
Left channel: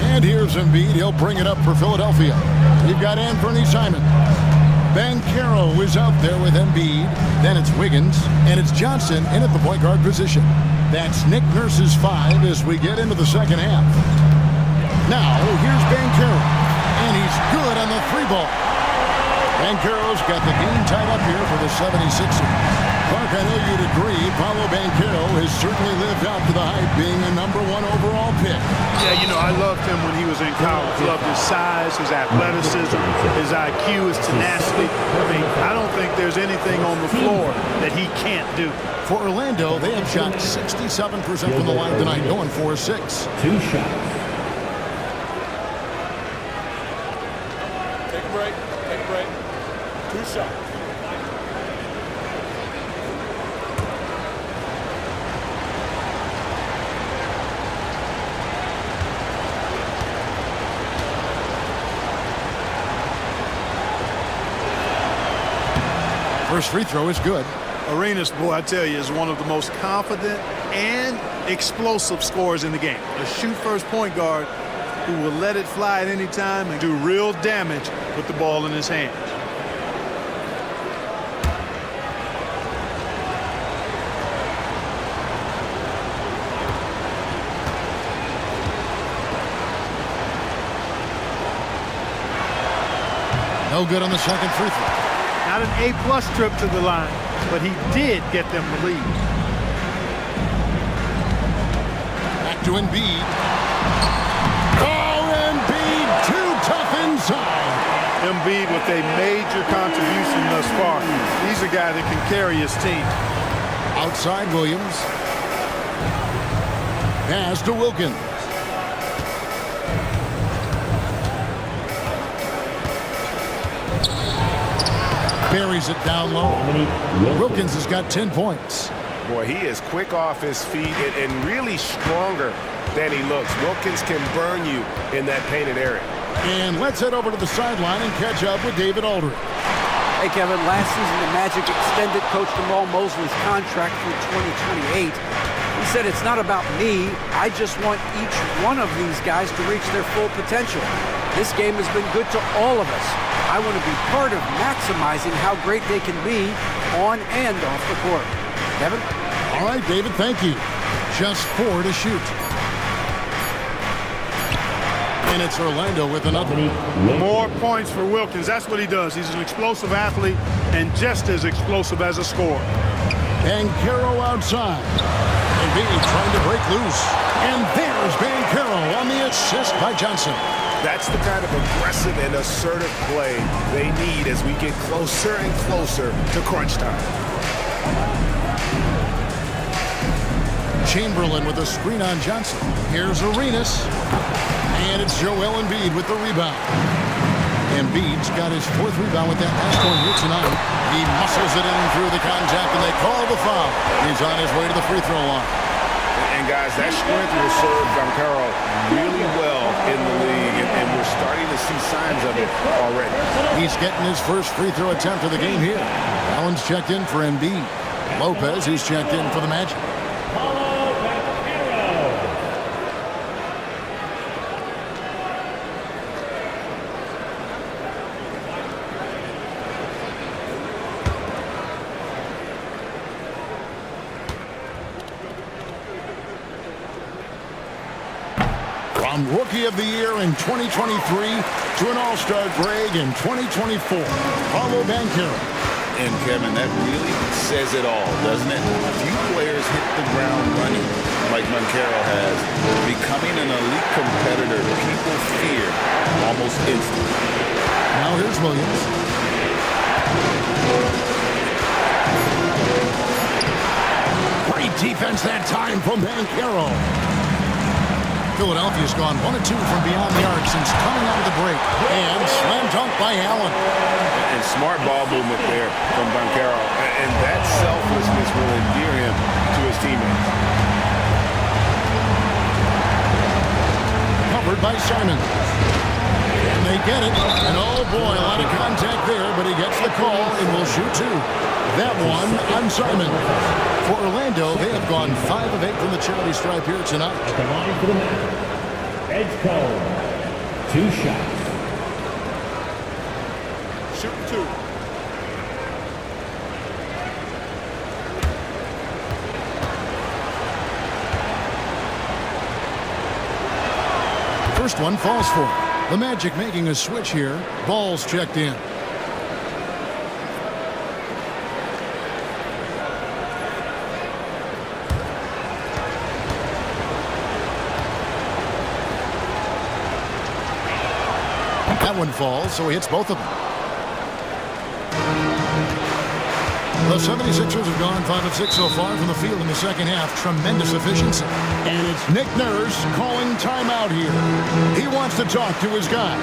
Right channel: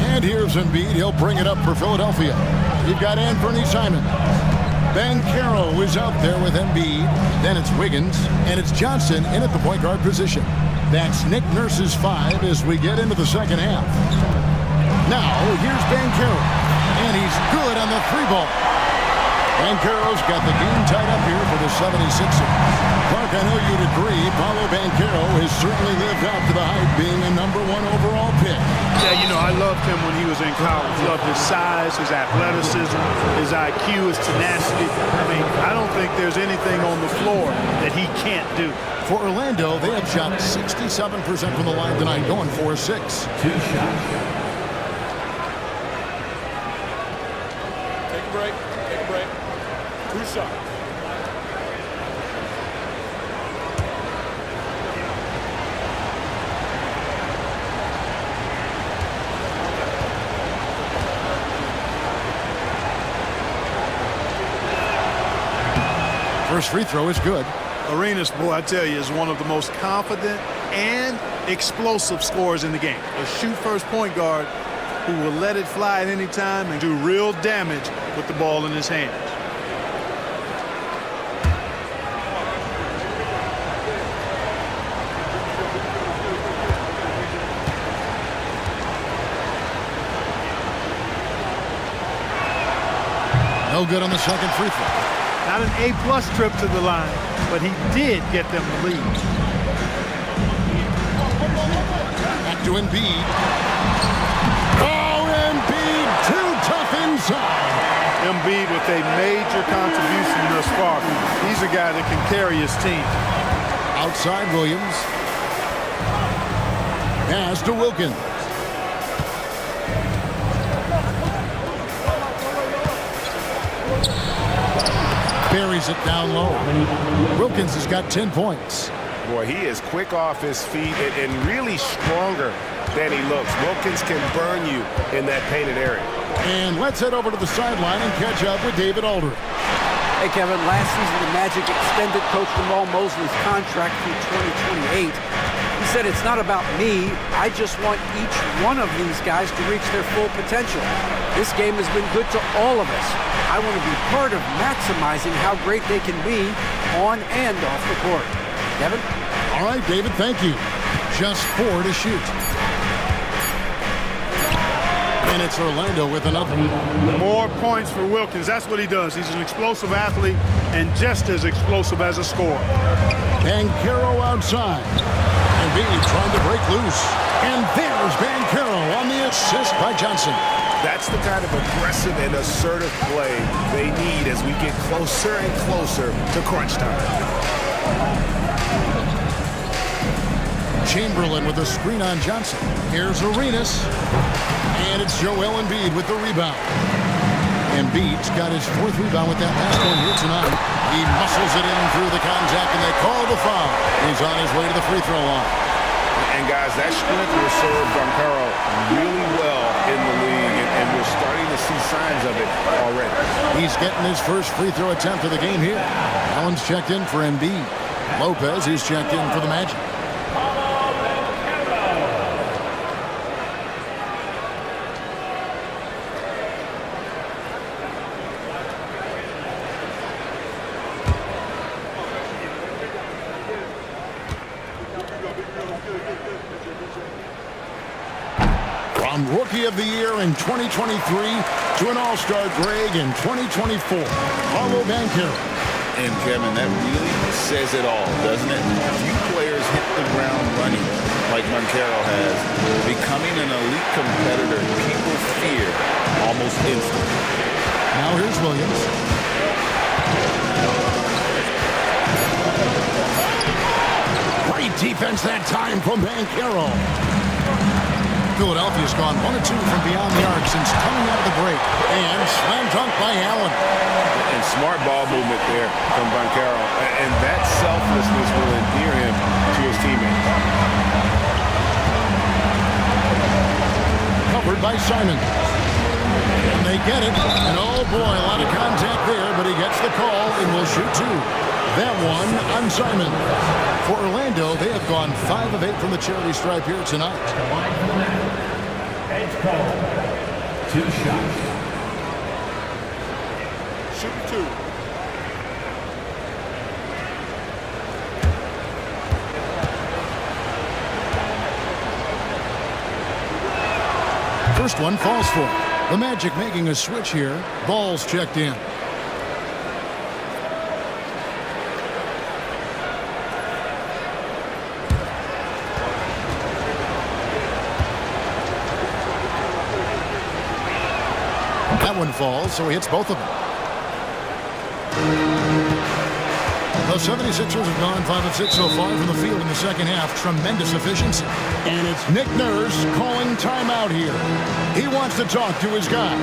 And here's Embiid. He'll bring it up for Philadelphia. You've got Anthony Simons. Banchero is out there with Embiid. Then it's Wiggins. And it's Johnson in at the point guard position. That's Nick Nurse's 5 as we get into the second half. Now, here's Banchero. And he's good on the 3-ball. Banchero's got the game tied up here for the 76ers. Clark, I know you'd agree, Paolo Banchero has certainly lived up to the hype, being a #1 overall pick. Yeah, you know, I loved him when he was in college. Loved his size, his athleticism, his IQ, his tenacity. I mean, I don't think there's anything on the floor that he can't do. For Orlando, they have shot 67% from the line tonight, going 4-6. 2 shots. Take a break. Take a break. 2 shots. First free throw is good. Arenas, boy, I tell you, is one of the most confident and explosive scorers in the game. A shoot-first point guard who will let it fly at any time and do real damage with the ball in his hands. No good on the second free throw. Not an A-plus trip to the line, but he did get them the lead. Back to Embiid. Oh, Embiid, too tough inside. Embiid with a major contribution thus far. He's a guy that can carry his team. Outside Williams. Pass to Wilkins. Buries it down low. Wilkins has got 10 points. Boy, he is quick off his feet and really stronger than he looks. Wilkins can burn you in that painted area. And let's head over to the sideline and catch up with David Aldridge. Hey, Kevin, last season the Magic extended Coach Jamal Mosley's contract through 2028. He said, it's not about me. I just want each one of these guys to reach their full potential. This game has been good to all of us. I want to be part of maximizing how great they can be on and off the court. Kevin? All right, David, thank you. Just 4 to shoot. And it's Orlando with another. More points for Wilkins. That's what he does. He's an explosive athlete and just as explosive as a scorer. Banchero outside. Embiid trying to break loose. And there's Banchero on the assist by Johnson. That's the kind of aggressive and assertive play they need as we get closer and closer to crunch time. Chamberlain with a screen on Johnson. Here's Arenas. And it's Joel Embiid with the rebound. Embiid's got his 4th rebound with that last one here tonight. He muscles it in through the contact, and they call the foul. He's on his way to the free throw line. And, guys, that strength will serve Banchero really well in the league, and we're starting to see signs of it already. He's getting his first free throw attempt of the game here. Allen's checked in for Embiid. Lopez, he's checked in for the Magic. From Rookie of the Year in 2023 to an All-Star Greg in 2024, Paolo Banchero. And Kevin, that really says it all, doesn't it? Few players hit the ground running like Banchero has. Becoming an elite competitor, people fear almost instantly. Now here's Williams. Great defense that time from Banchero. Philadelphia's gone 1 of 2 from beyond the arc since coming out of the break. And slam dunk by Allen. And smart ball movement there from Banchero. And that selflessness will endear him to his teammates. Covered by Simon. And they get it. And oh boy, a lot of contact there, but he gets the call and will shoot 2. That one on Simon. For Orlando, they have gone 5 of 8 from the charity stripe here tonight. The line for the net. Edge foul. 2 shots. Shooting 2. First one falls for him. The Magic making a switch here. Ball's checked in. That one falls, so he hits both of them. The 76ers have gone 5 of 6 so far from the field in the second half. Tremendous efficiency. And it's Nick Nurse calling timeout here. He wants to talk to his guys.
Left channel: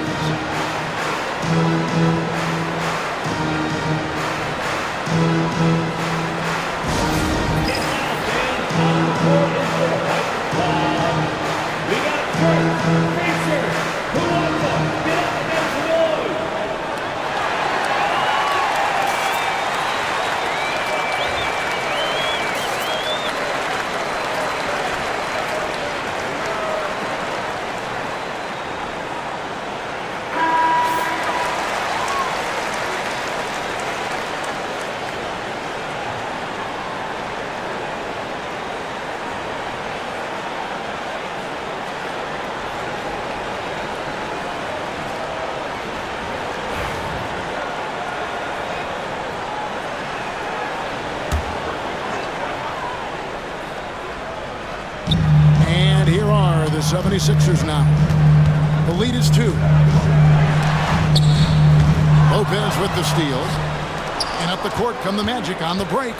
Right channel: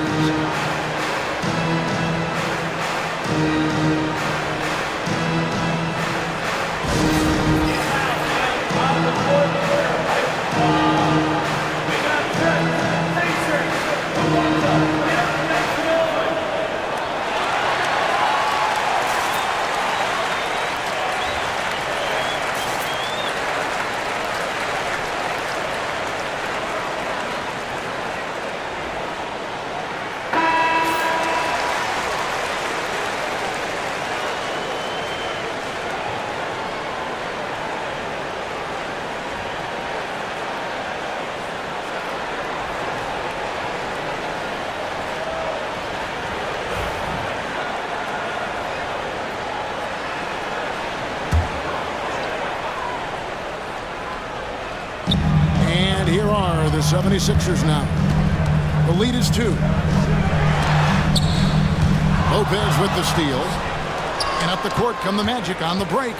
And here are the 76ers now. The lead is 2. Lopez with the steal. And up the court come the Magic on the break.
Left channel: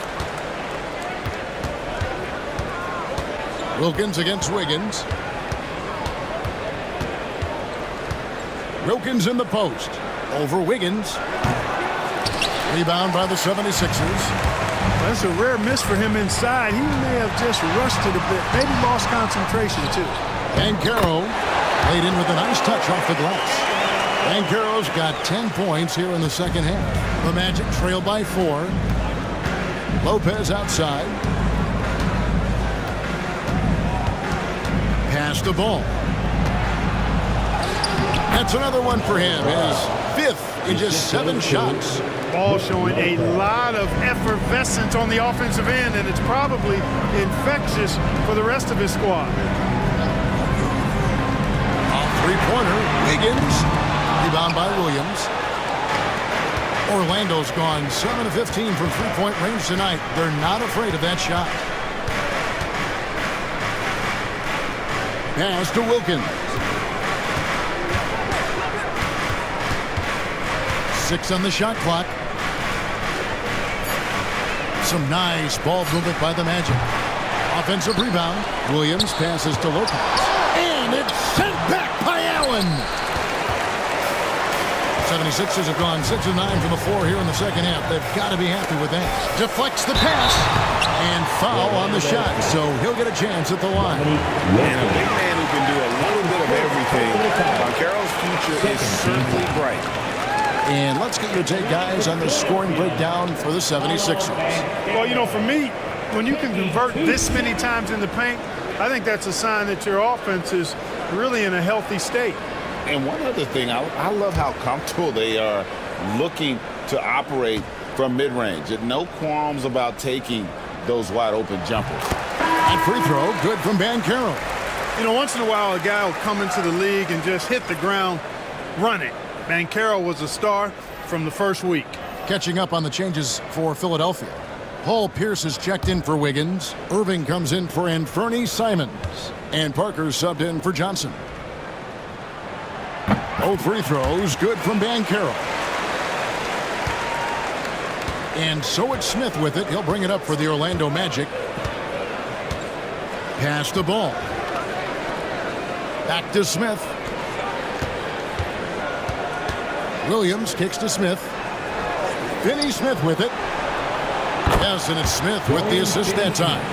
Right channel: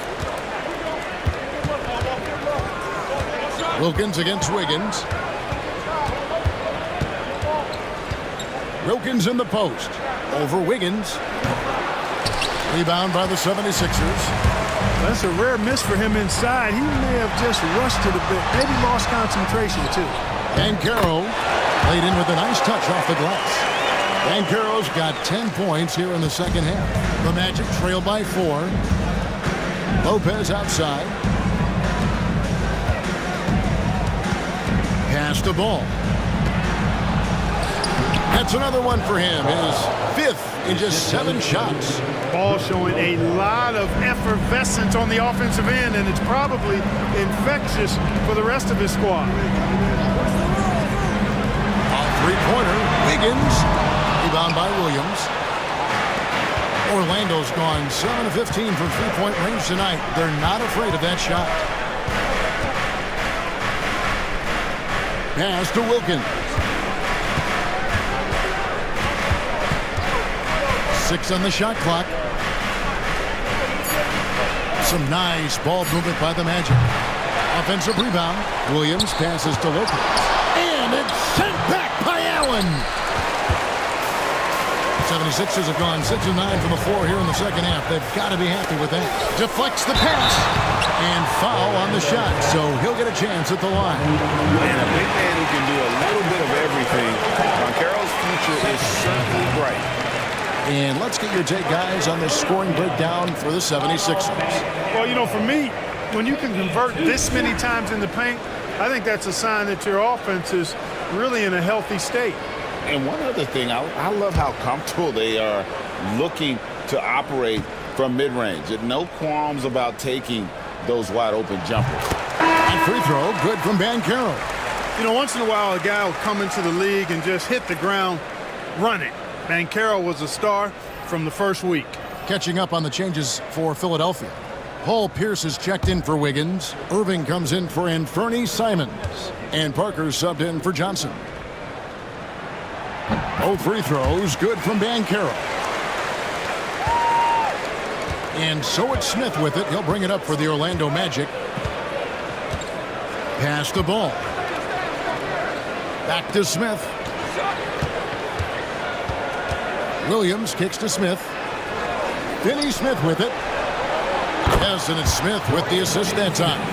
Wilkins against Wiggins. Wilkins in the post. Over Wiggins. Rebound by the 76ers. That's a rare miss for him inside. He may have just rushed it a bit. Maybe lost concentration, too. Banchero laid in with a nice touch off the glass. Banchero's got 10 points here in the second half. The Magic trail by 4. Lopez outside. Pass the ball. That's another one for him. His 5th in just 7 shots. Ball showing a lot of effervescence on the offensive end, and it's probably infectious for the rest of his squad. A three-pointer. Wiggins. Rebound by Williams. Orlando's gone 7 of 15 from three-point range tonight. They're not afraid of that shot. Pass to Wilkins. 6 on the shot clock. Some nice ball movement by the Magic. Offensive rebound. Williams passes to Lopez. And it's sent back by Allen. 76ers have gone 6 of 9 from the floor here in the second half. They've got to be happy with that. Deflects the pass. And foul on the shot, so he'll get a chance at the line. And a big man who can do a little bit of everything. Banchero's future is certainly bright. And let's get your take, guys, on the scoring breakdown for the 76ers. Well, you know, for me, when you can convert this many times in the paint, I think that's a sign that your offense is really in a healthy state. And one other thing, I love how comfortable they are looking to operate from mid-range. No qualms about taking those wide-open jumpers. That free throw, good from Banchero. You know, once in a while, a guy will come into the league and just hit the ground running. Banchero was a star from the first week. Catching up on the changes for Philadelphia. Paul Pierce is checked in for Wiggins. Irving comes in for Anthony Simons. And Parker subbed in for Johnson. Both free throws, good from Banchero. And so it's Smith with it. He'll bring it up for the Orlando Magic. Pass the ball. Back to Smith. Williams kicks to Smith. Finney Smith with it. Yes, and it's Smith with the assist that time.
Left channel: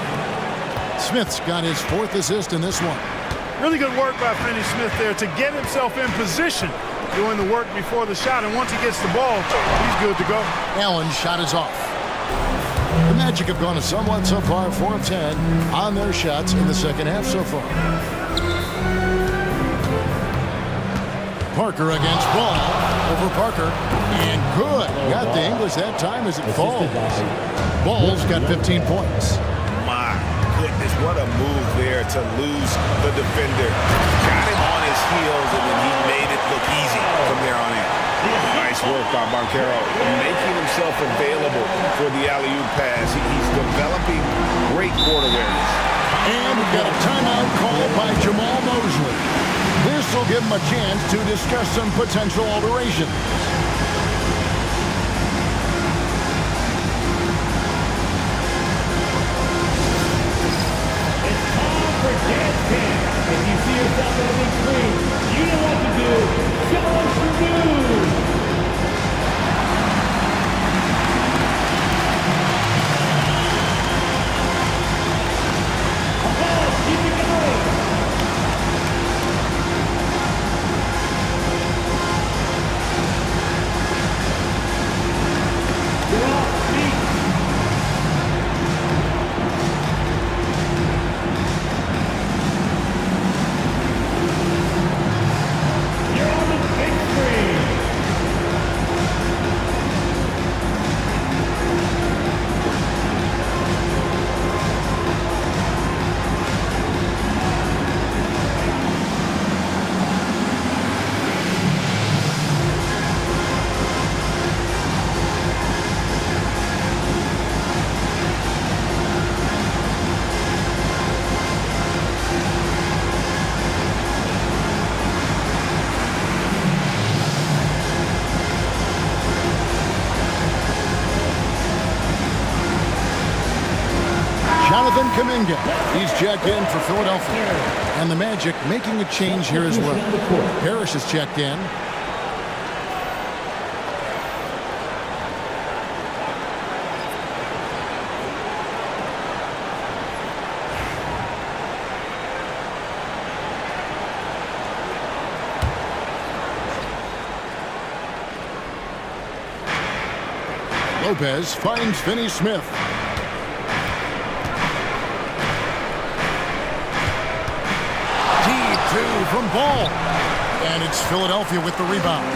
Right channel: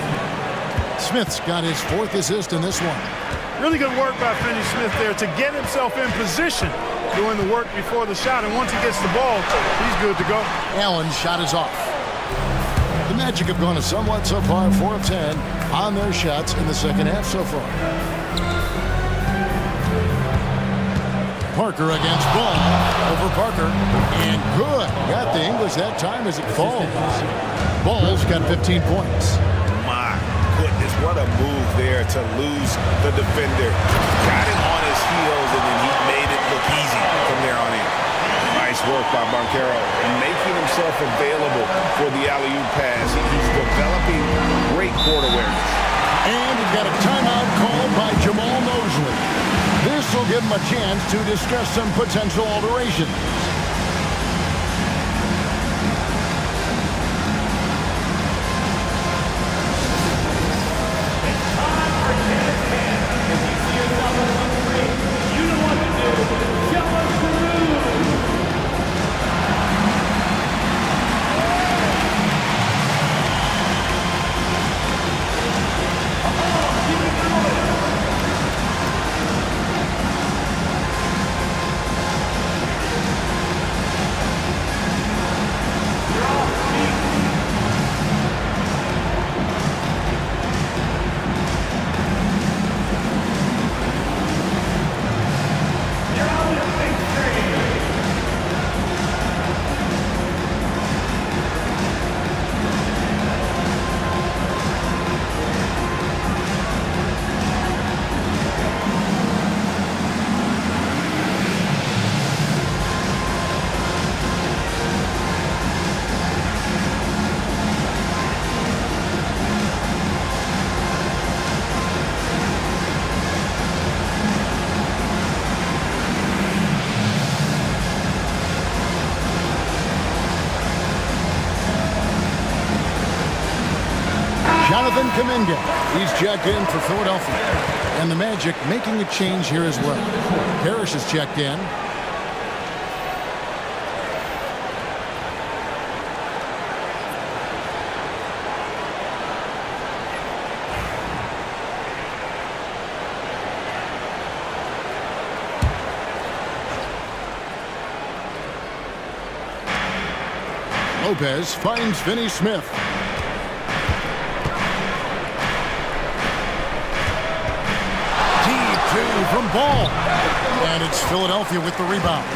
Smith's got his 4th assist in this one. Really good work by Finney Smith there to get himself in position, doing the work before the shot. And once he gets the ball, he's good to go. Allen's shot is off. The Magic have gone a somewhat subpar 4 of 10 on their shots in the second half so far. Parker against Ball over Parker. And good. Got the English that time as it falls. Ball's got 15 points. My goodness, what a move there to lose the defender. Got him on his heels, and then he made it look easy from there on in. Nice work by Banchero, making himself available for the alley-oop pass. He's developing great court awareness. And we've got a timeout called by Jamal Mosley. This will give him a chance to discuss some potential alterations. Jonathan Kuminga, he's checked in for Philadelphia. And the Magic making a change here as well. Parrish is checked in. Lopez finds Finney Smith. Deep two from Ball. And it's Philadelphia with the rebound.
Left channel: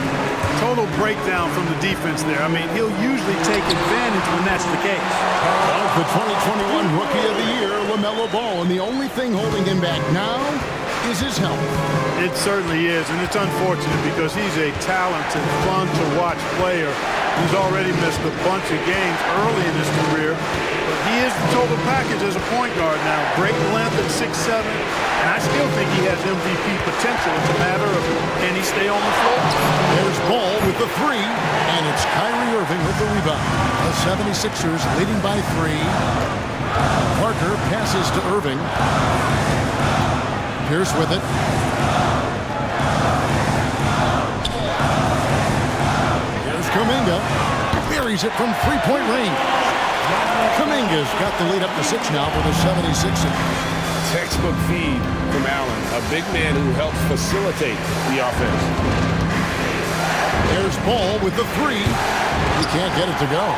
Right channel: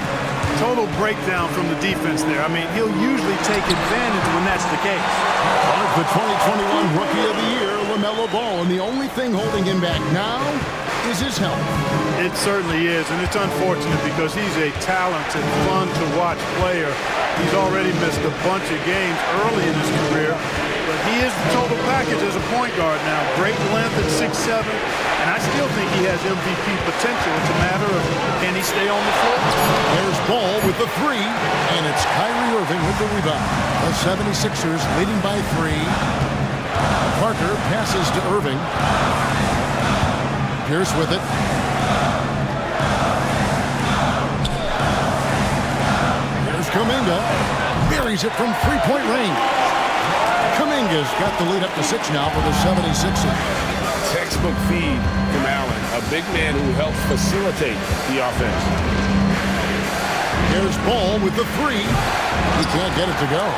Total breakdown from the defense there. I mean, he'll usually take advantage when that's the case. But the 2021 Rookie of the Year, LaMelo Ball, and the only thing holding him back now is his health. It certainly is, and it's unfortunate because he's a talented, fun-to-watch player. He's already missed a bunch of games early in his career, but he is the total package as a point guard now. Great length at 6'7", and I still think he has MVP potential. It's a matter of, can he stay on the floor? There's Ball with the three, and it's Kyrie Irving with the rebound. The 76ers leading by 3. Parker passes to Irving. Pierce with it. Here's Kuminga. Buries it from three-point range. Kuminga's got the lead up to 6 now for the 76ers. Textbook feed from Allen, a big man who helps facilitate the offense. There's Ball with the 3. He can't get it to go.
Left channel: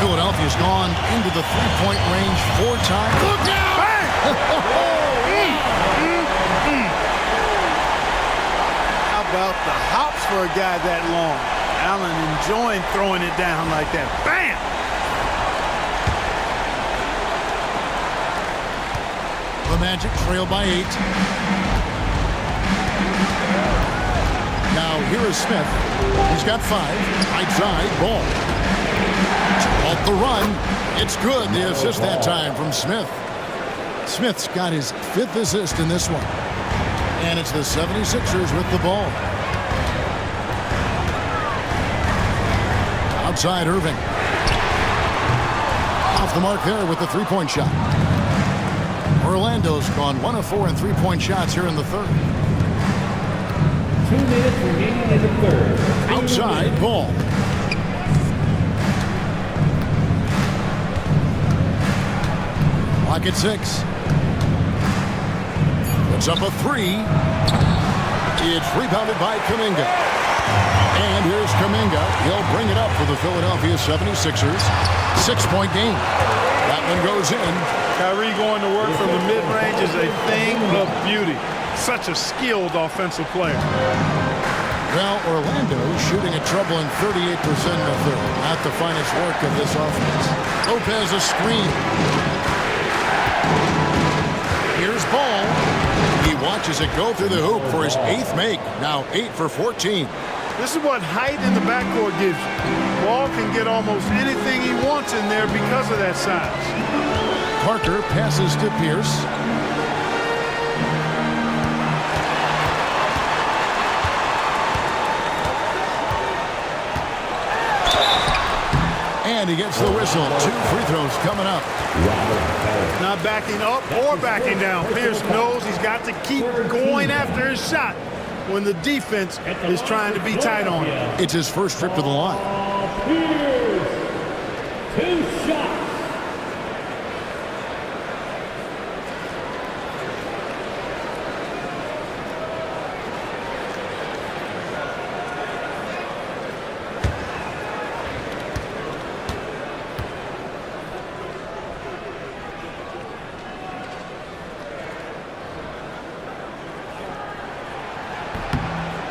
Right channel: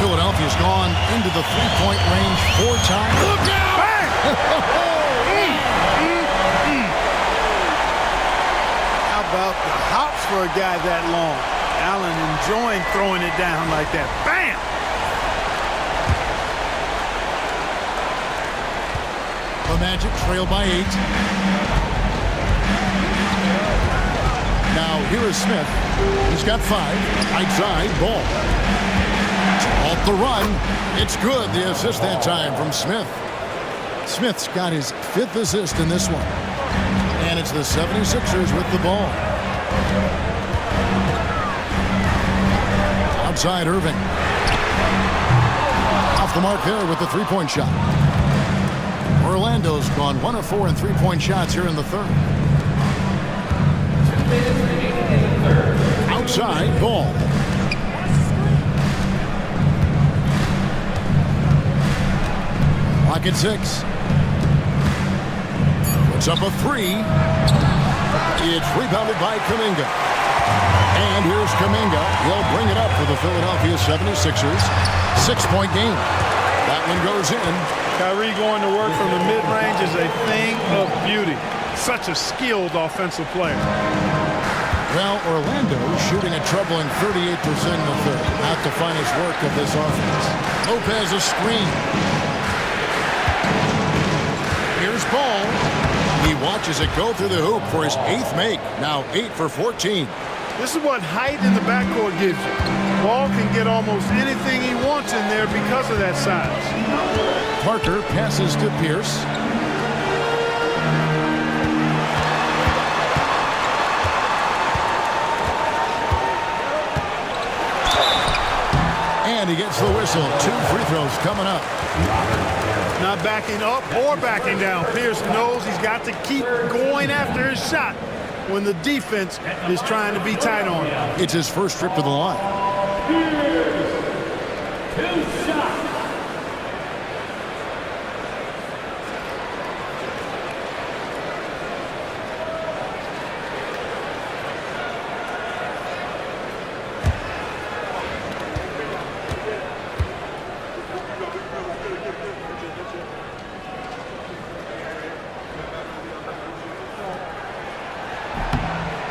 Philadelphia's gone into the three-point range 4 times. Look out! Bang! How about the hops for a guy that long? Allen enjoying throwing it down like that. Bam! The Magic trail by 8. Now here is Smith. He's got 5. Outside, Ball. Off the run. It's good. The assist that time from Smith. Smith's got his 5th assist in this one. And it's the 76ers with the ball. Outside Irving. Off the mark there with the three-point shot. Orlando's gone 1 of 4 in three-point shots here in the third. 2 minutes remaining in the third. Outside ball. Clock at 6. Puts up a 3. It's rebounded by Kuminga. And here's Kuminga. He'll bring it up for the Philadelphia 76ers. 6-point game. That one goes in. Kyrie going to work from the mid-range is a thing of beauty. Such a skilled offensive player. Well, Orlando shooting a troubling 38% in the third. Not the finest work of this offense. Lopez a screen. Here's Ball. He watches it go through the hoop for his 8th make. Now 8 for 14. This is what height in the backcourt gives you. Ball can get almost anything he wants in there because of that size. Parker passes to Pierce. And he gets the whistle. 2 free throws coming up. Not backing up or backing down. Pierce knows he's got to keep going after his shot when the defense is trying to be tight on him. It's his first trip to the line. Pierce. 2 shots.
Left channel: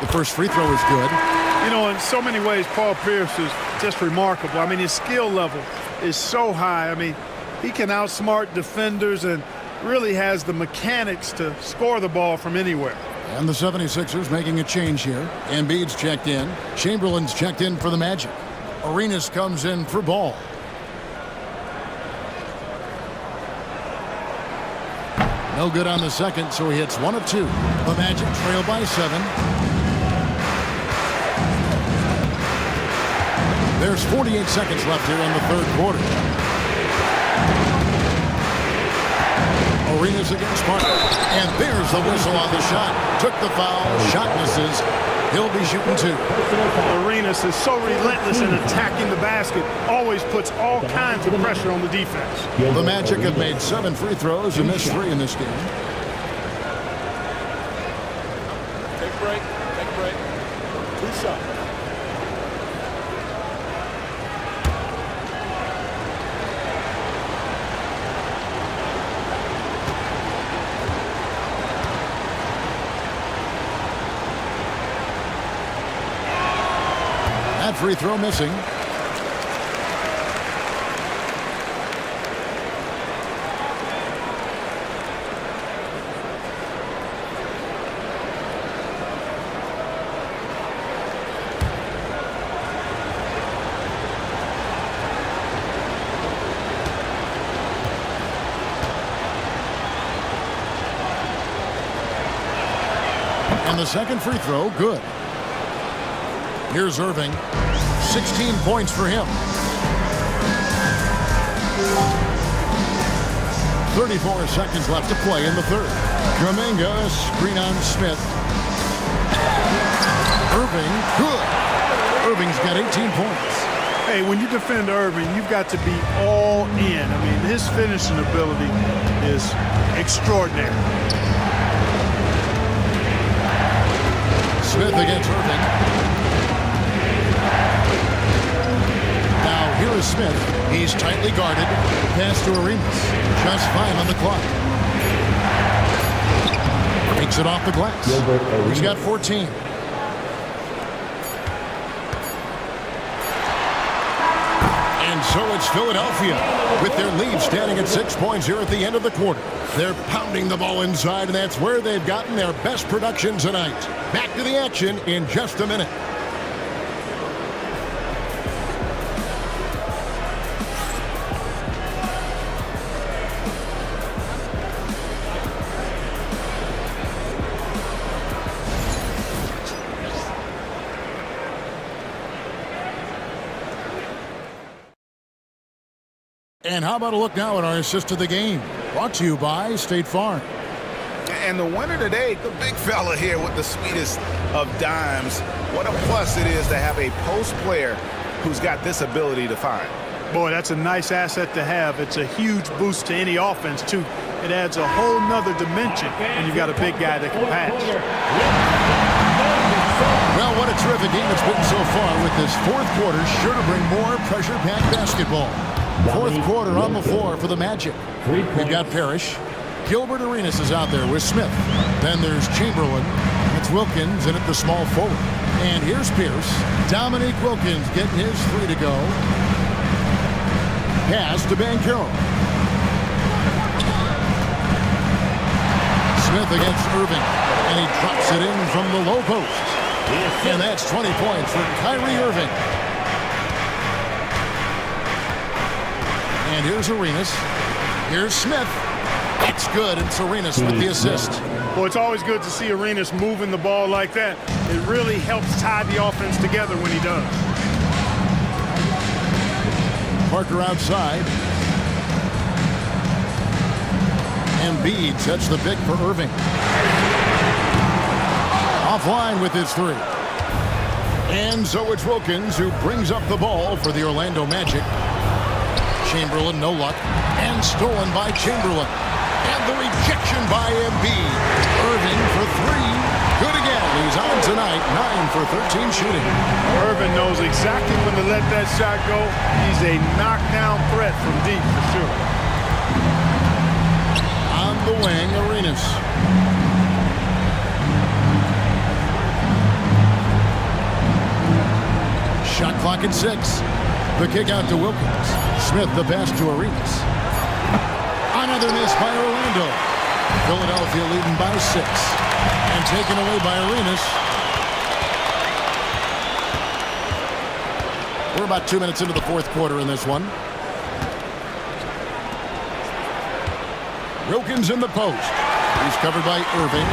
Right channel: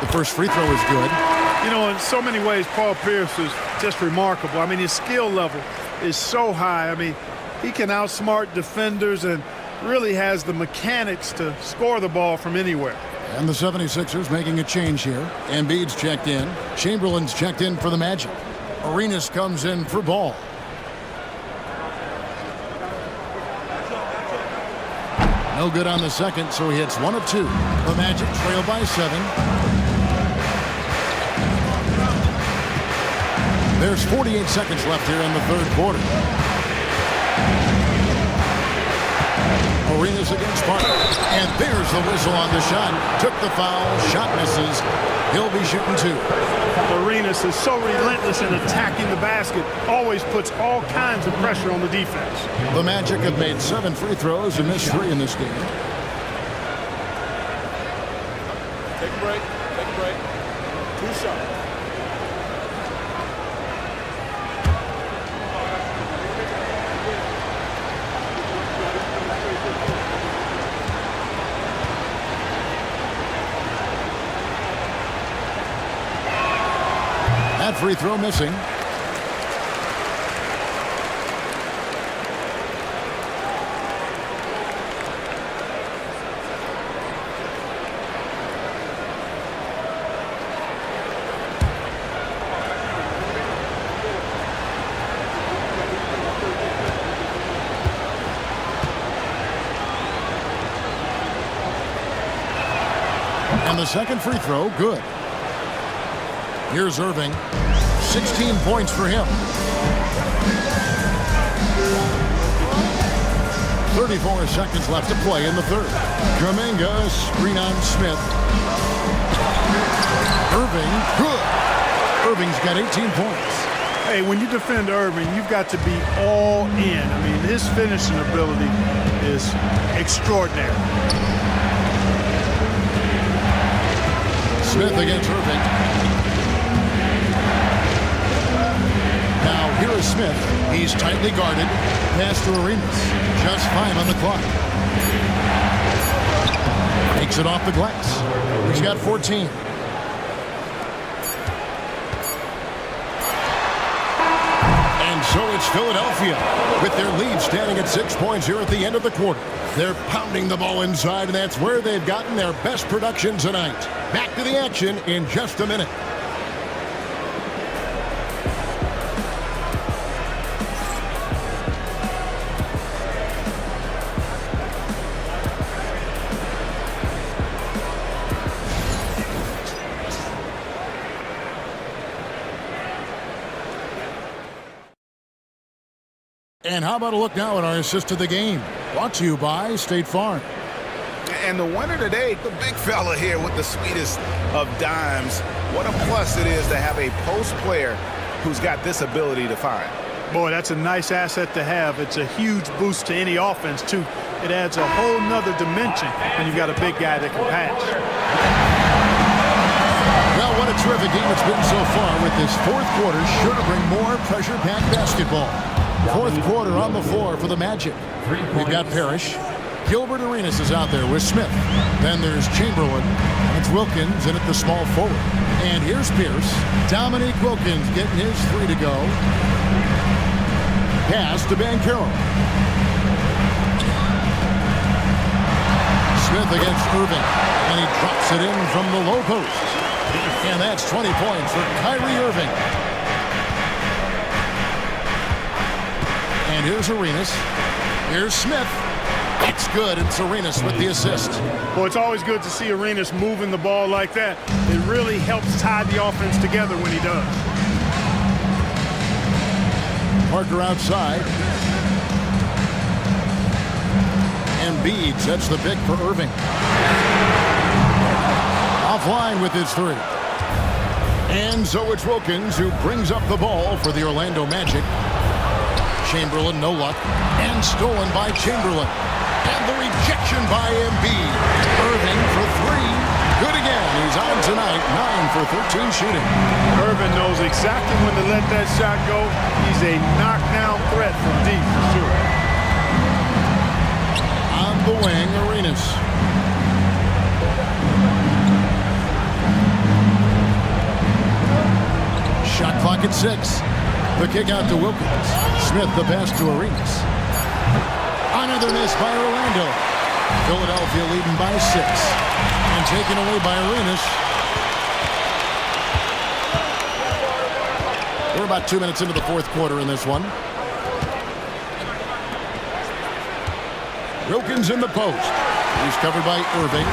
The first free throw is good. You know, in so many ways, Paul Pierce is just remarkable. I mean, his skill level is so high. I mean, he can outsmart defenders and really has the mechanics to score the ball from anywhere. And the 76ers making a change here. Embiid's checked in. Chamberlain's checked in for the Magic. Arenas comes in for Ball. No good on the second, so he hits 1 of 2. The Magic trail by 7. There's 48 seconds left here in the third quarter. Arenas against Parker. And there's the whistle on the shot. Took the foul. Shot misses. He'll be shooting 2. Arenas is so relentless in attacking the basket. Always puts all kinds of pressure on the defense. The Magic have made 7 free throws and missed 3 in this game. Take a break. Take a break. 2 shots. That free throw missing. And the second free throw, good. Here's Irving. 16 points for him. 34 seconds left to play in the third. Kuminga, screen on Smith. Irving, good. Irving's got 18 points. Hey, when you defend Irving, you've got to be all in. I mean, his finishing ability is extraordinary. Smith against Irving. Now here is Smith. He's tightly guarded. Pass to Arenas. Just 5 on the clock. Takes it off the glass. He's got 14. And so it's Philadelphia with their lead standing at 6 points here at the end of the quarter. They're pounding the ball inside, and that's where they've gotten their best production tonight. Back to the action in just a minute. And how about a look now at our assist of the game? Brought to you by State Farm. And the winner today, the big fella here with the sweetest of dimes. What a plus it is to have a post player who's got this ability to find. Boy, that's a nice asset to have. It's a huge boost to any offense, too. It adds a whole nother dimension when you've got a big guy that can pass. Well, what a terrific game it's been so far with this fourth quarter. Sure to bring more pressure-packed basketball. Fourth quarter on the floor for the Magic. We've got Parrish. Gilbert Arenas is out there with Smith. Then there's Chamberlain. And it's Wilkins in at the small forward. And here's Pierce. Dominique Wilkins getting his three to go. Pass to Banchero. Smith against Irving. And he drops it in from the low post. And that's 20 points for Kyrie Irving. And here's Arenas. Here's Smith. It's good. It's Arenas with the assist. Well, it's always good to see Arenas moving the ball like that. It really helps tie the offense together when he does. Parker outside. Embiid sets the pick for Irving. Offline with his three. And so it's Wilkins who brings up the ball for the Orlando Magic. Chamberlain, no luck. And stolen by Chamberlain. And the rejection by Embiid. Irving for three. Good again. He's on tonight. 9 for 13 shooting. Irving knows exactly when to let that shot go. He's a knockdown threat from deep for sure. On the wing, Arenas. Shot clock at 6. The kick out to Wilkins. Smith the pass to Arenas. Another miss by Orlando. Philadelphia leading by 6. And taken away by Arenas. We're about 2 minutes into the fourth quarter in this one. Wilkins in the post. He's covered by Irving.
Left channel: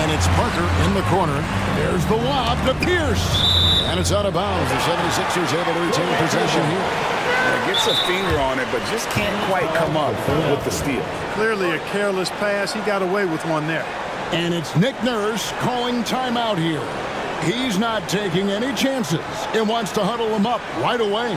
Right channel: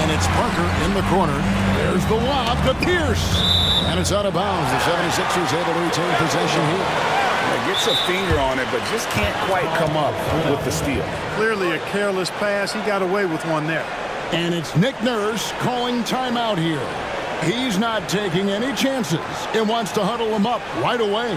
And it's Parker in the corner. There's the lob to Pierce. And it's out of bounds. The 76ers able to retain possession here. Yeah, gets a finger on it, but just can't quite come up with the steal. Clearly a careless pass. He got away with one there. And it's Nick Nurse calling timeout here. He's not taking any chances and wants to huddle him up right away.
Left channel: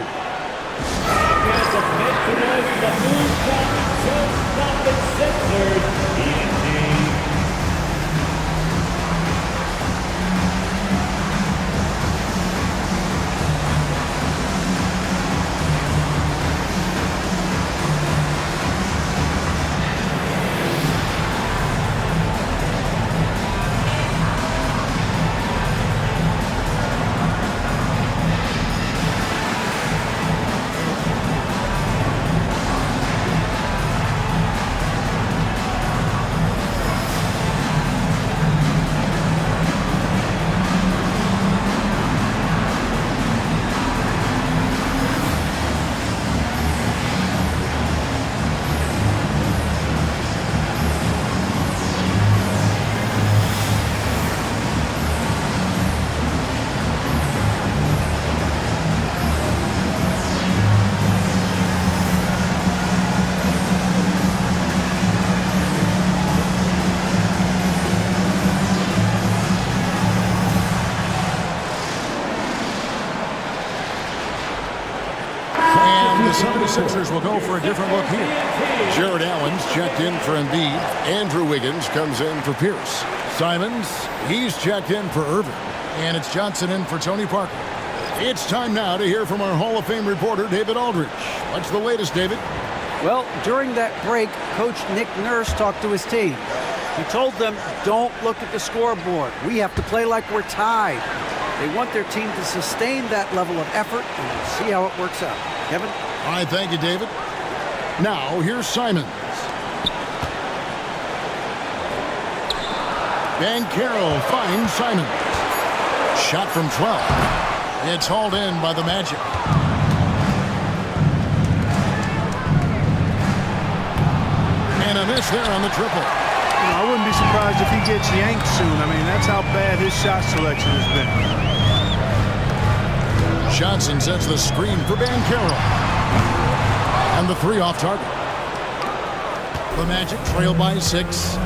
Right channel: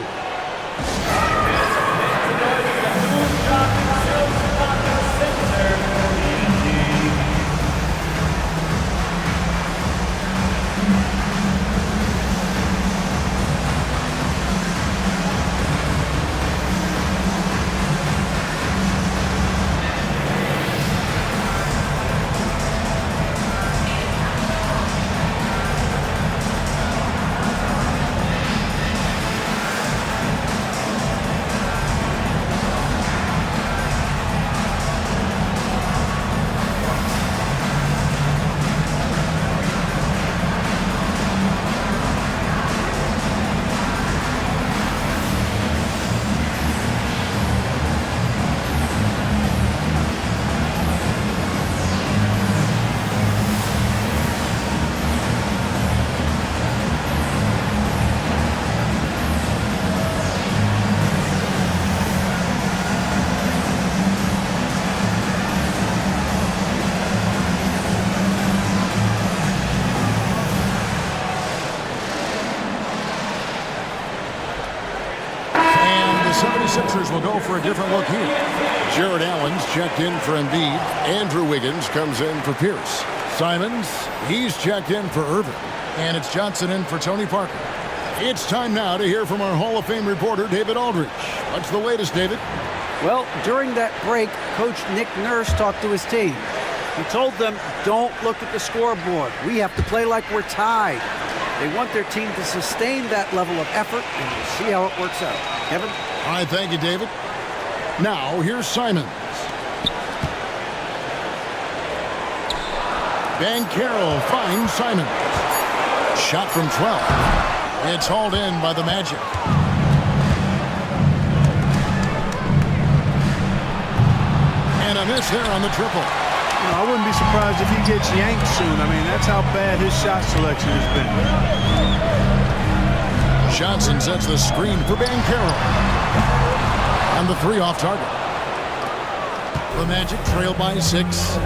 The 76ers will go for a different look here. Jared Allen's checked in for Embiid. Andrew Wiggins comes in for Pierce. Simons, he's checked in for Irving. And it's Johnson in for Tony Parker. It's time now to hear from our Hall of Fame reporter, David Aldridge. What's the latest, David? Well, during that break, Coach Nick Nurse talked to his team. He told them, don't look at the scoreboard. We have to play like we're tied. They want their team to sustain that level of effort, and we'll see how it works out. Kevin? All right, thank you, David. Now, here's Simons. Banchero finds Simons. Shot from 12. It's hauled in by the Magic. And a miss there on the triple. You know, I wouldn't be surprised if he gets yanked soon. I mean, that's how bad his shot selection has been. Johnson sets the screen for Banchero. And the three off target. The Magic trail by 6.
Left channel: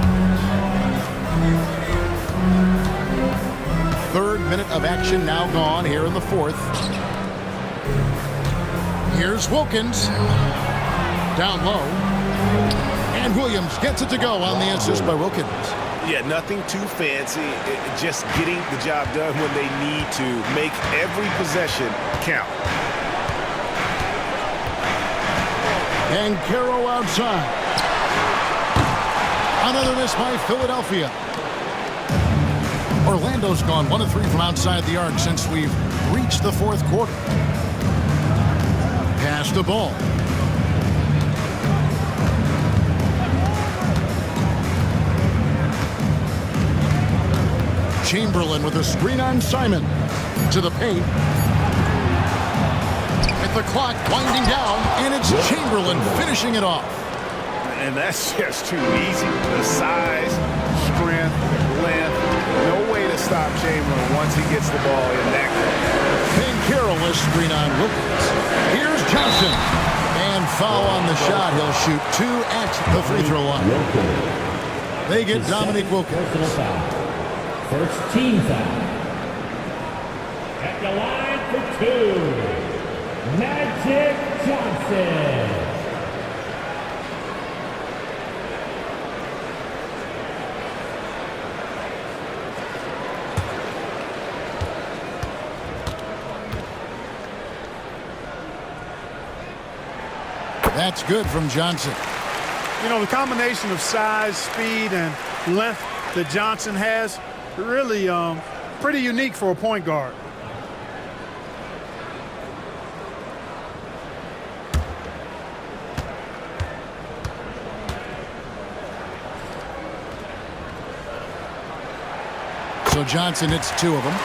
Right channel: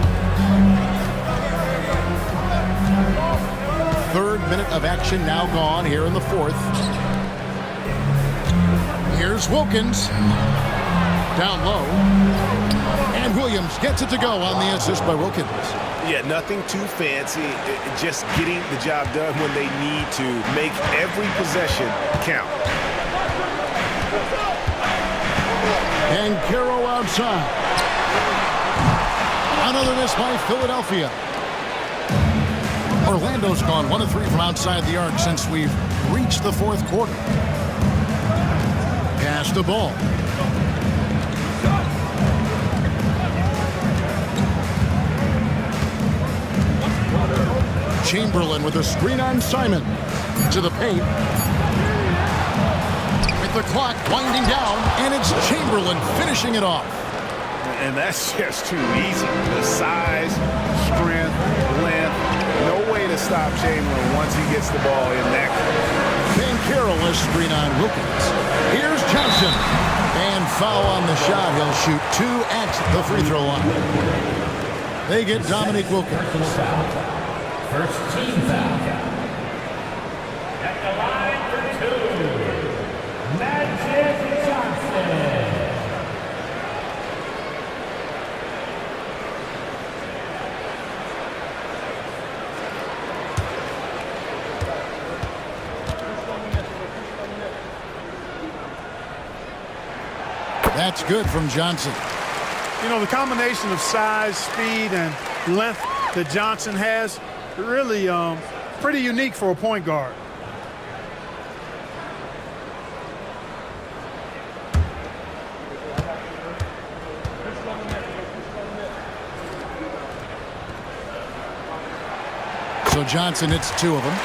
Third minute of action now gone here in the fourth. Here's Wilkins. Down low. And Williams gets it to go on the assist by Wilkins. Yeah, nothing too fancy. Just getting the job done when they need to. Make every possession count. And Caro outside. Another miss by Philadelphia. Orlando's gone 1 of 3 from outside the arc since we've reached the fourth quarter. Pass the ball. Chamberlain with a screen on Simon. To the paint. With the clock winding down, and it's Chamberlain finishing it off. And that's just too easy. The size, strength, length. No way to stop Chamberlain once he gets the ball in that close. Banchero screen on Wilkins. Here's Johnson. And foul on the shot. He'll shoot 2 at the free throw line. They get Dominique Wilkins. First team foul. At the line for 2, Magic Johnson. That's good from Johnson. You know, the combination of size, speed, and length that Johnson has, really pretty unique for a point guard. So Johnson hits 2 of them.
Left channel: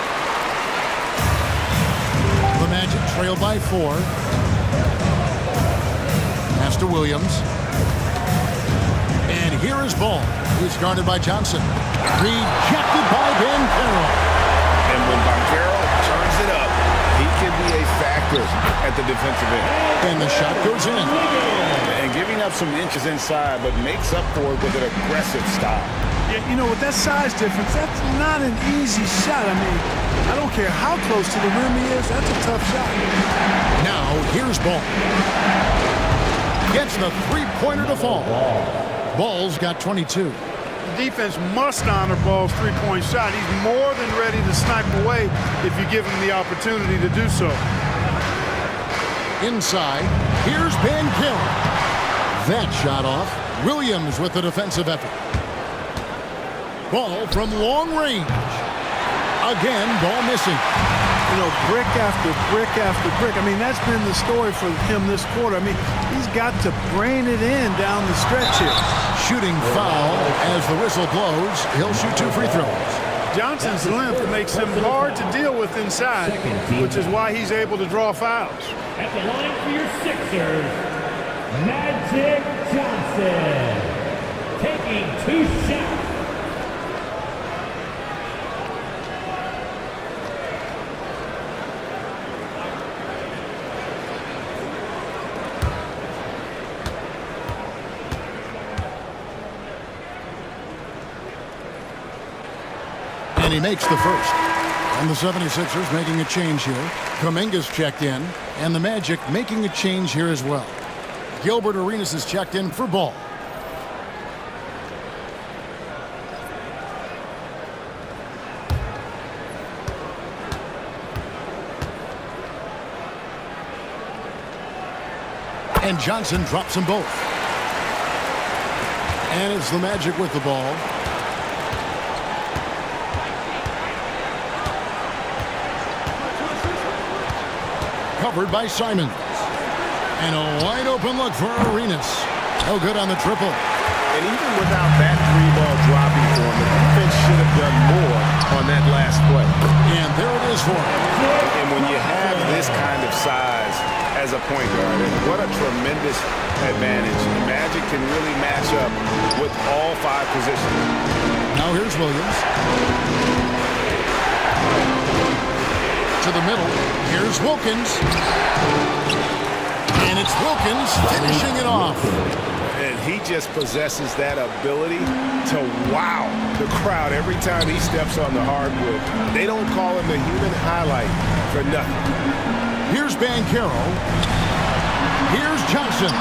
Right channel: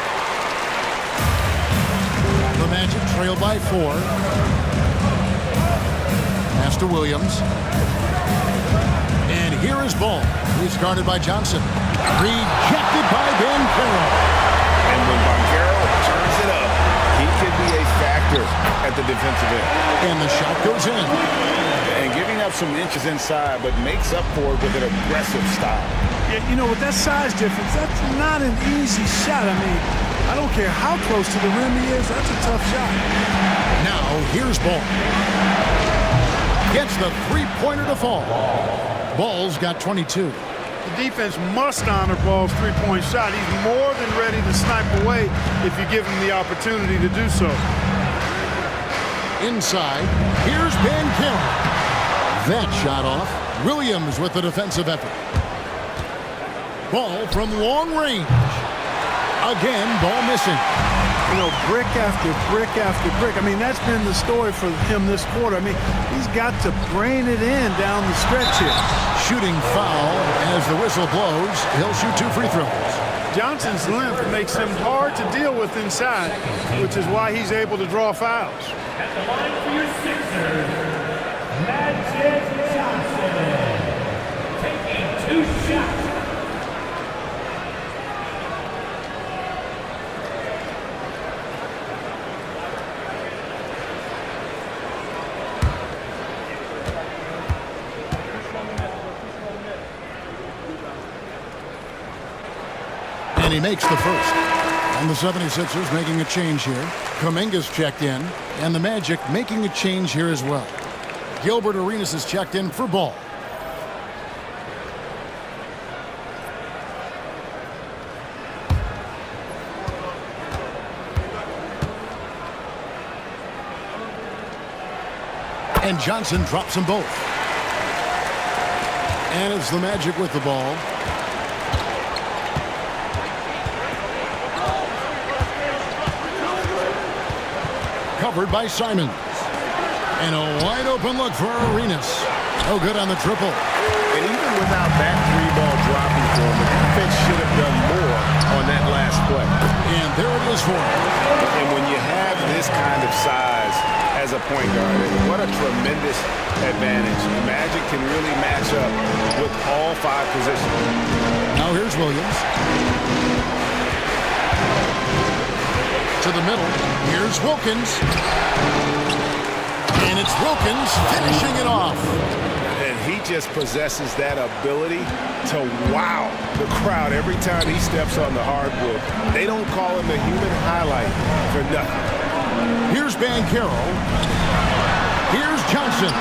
The Magic trail by 4. Pass to Williams. And here is Ball. He's guarded by Johnson. Rejected by Banchero. And when Banchero turns it up, he can be a factor at the defensive end. And the shot goes in. And giving up some inches inside, but makes up for it with an aggressive style. Yeah, you know, with that size difference, that's not an easy shot. I mean, I don't care how close to the rim he is, that's a tough shot. Now, here's Ball. Gets the three-pointer to fall. Ball's got 22. The defense must honor Ball's three-point shot. He's more than ready to snipe away if you give him the opportunity to do so. Inside, here's Banchero. That shot off. Williams with the defensive effort. Ball from long range. Again, Ball missing. You know, brick after brick after brick. I mean, that's been the story for him this quarter. I mean, he's got to brain it in down the stretch here. Shooting foul as the whistle blows. He'll shoot 2 free throws. Johnson's length makes him hard to deal with inside, which is why he's able to draw fouls. At the line for your Sixers, Magic Johnson. Taking 2 shots. And he makes the first. And the 76ers making a change here. Kuminga's checked in. And the Magic making a change here as well. Gilbert Arenas is checked in for Ball. And Johnson drops them both. And it's the Magic with the ball. Covered by Simons. And a wide open look for Arenas. No good on the triple. And even without that 3-ball dropping for him, the defense should have done more on that last play. And there it is for him. And when you have this kind of size as a point guard, what a tremendous advantage. The Magic can really match up with all 5 positions. Now here's Williams. To the middle. Here's Wilkins. And And it's Wilkins finishing it off. And he just possesses that ability to wow the crowd every time he steps on the hardwood. They don't call him the human highlight for nothing. Here's Banchero. Here's Johnson.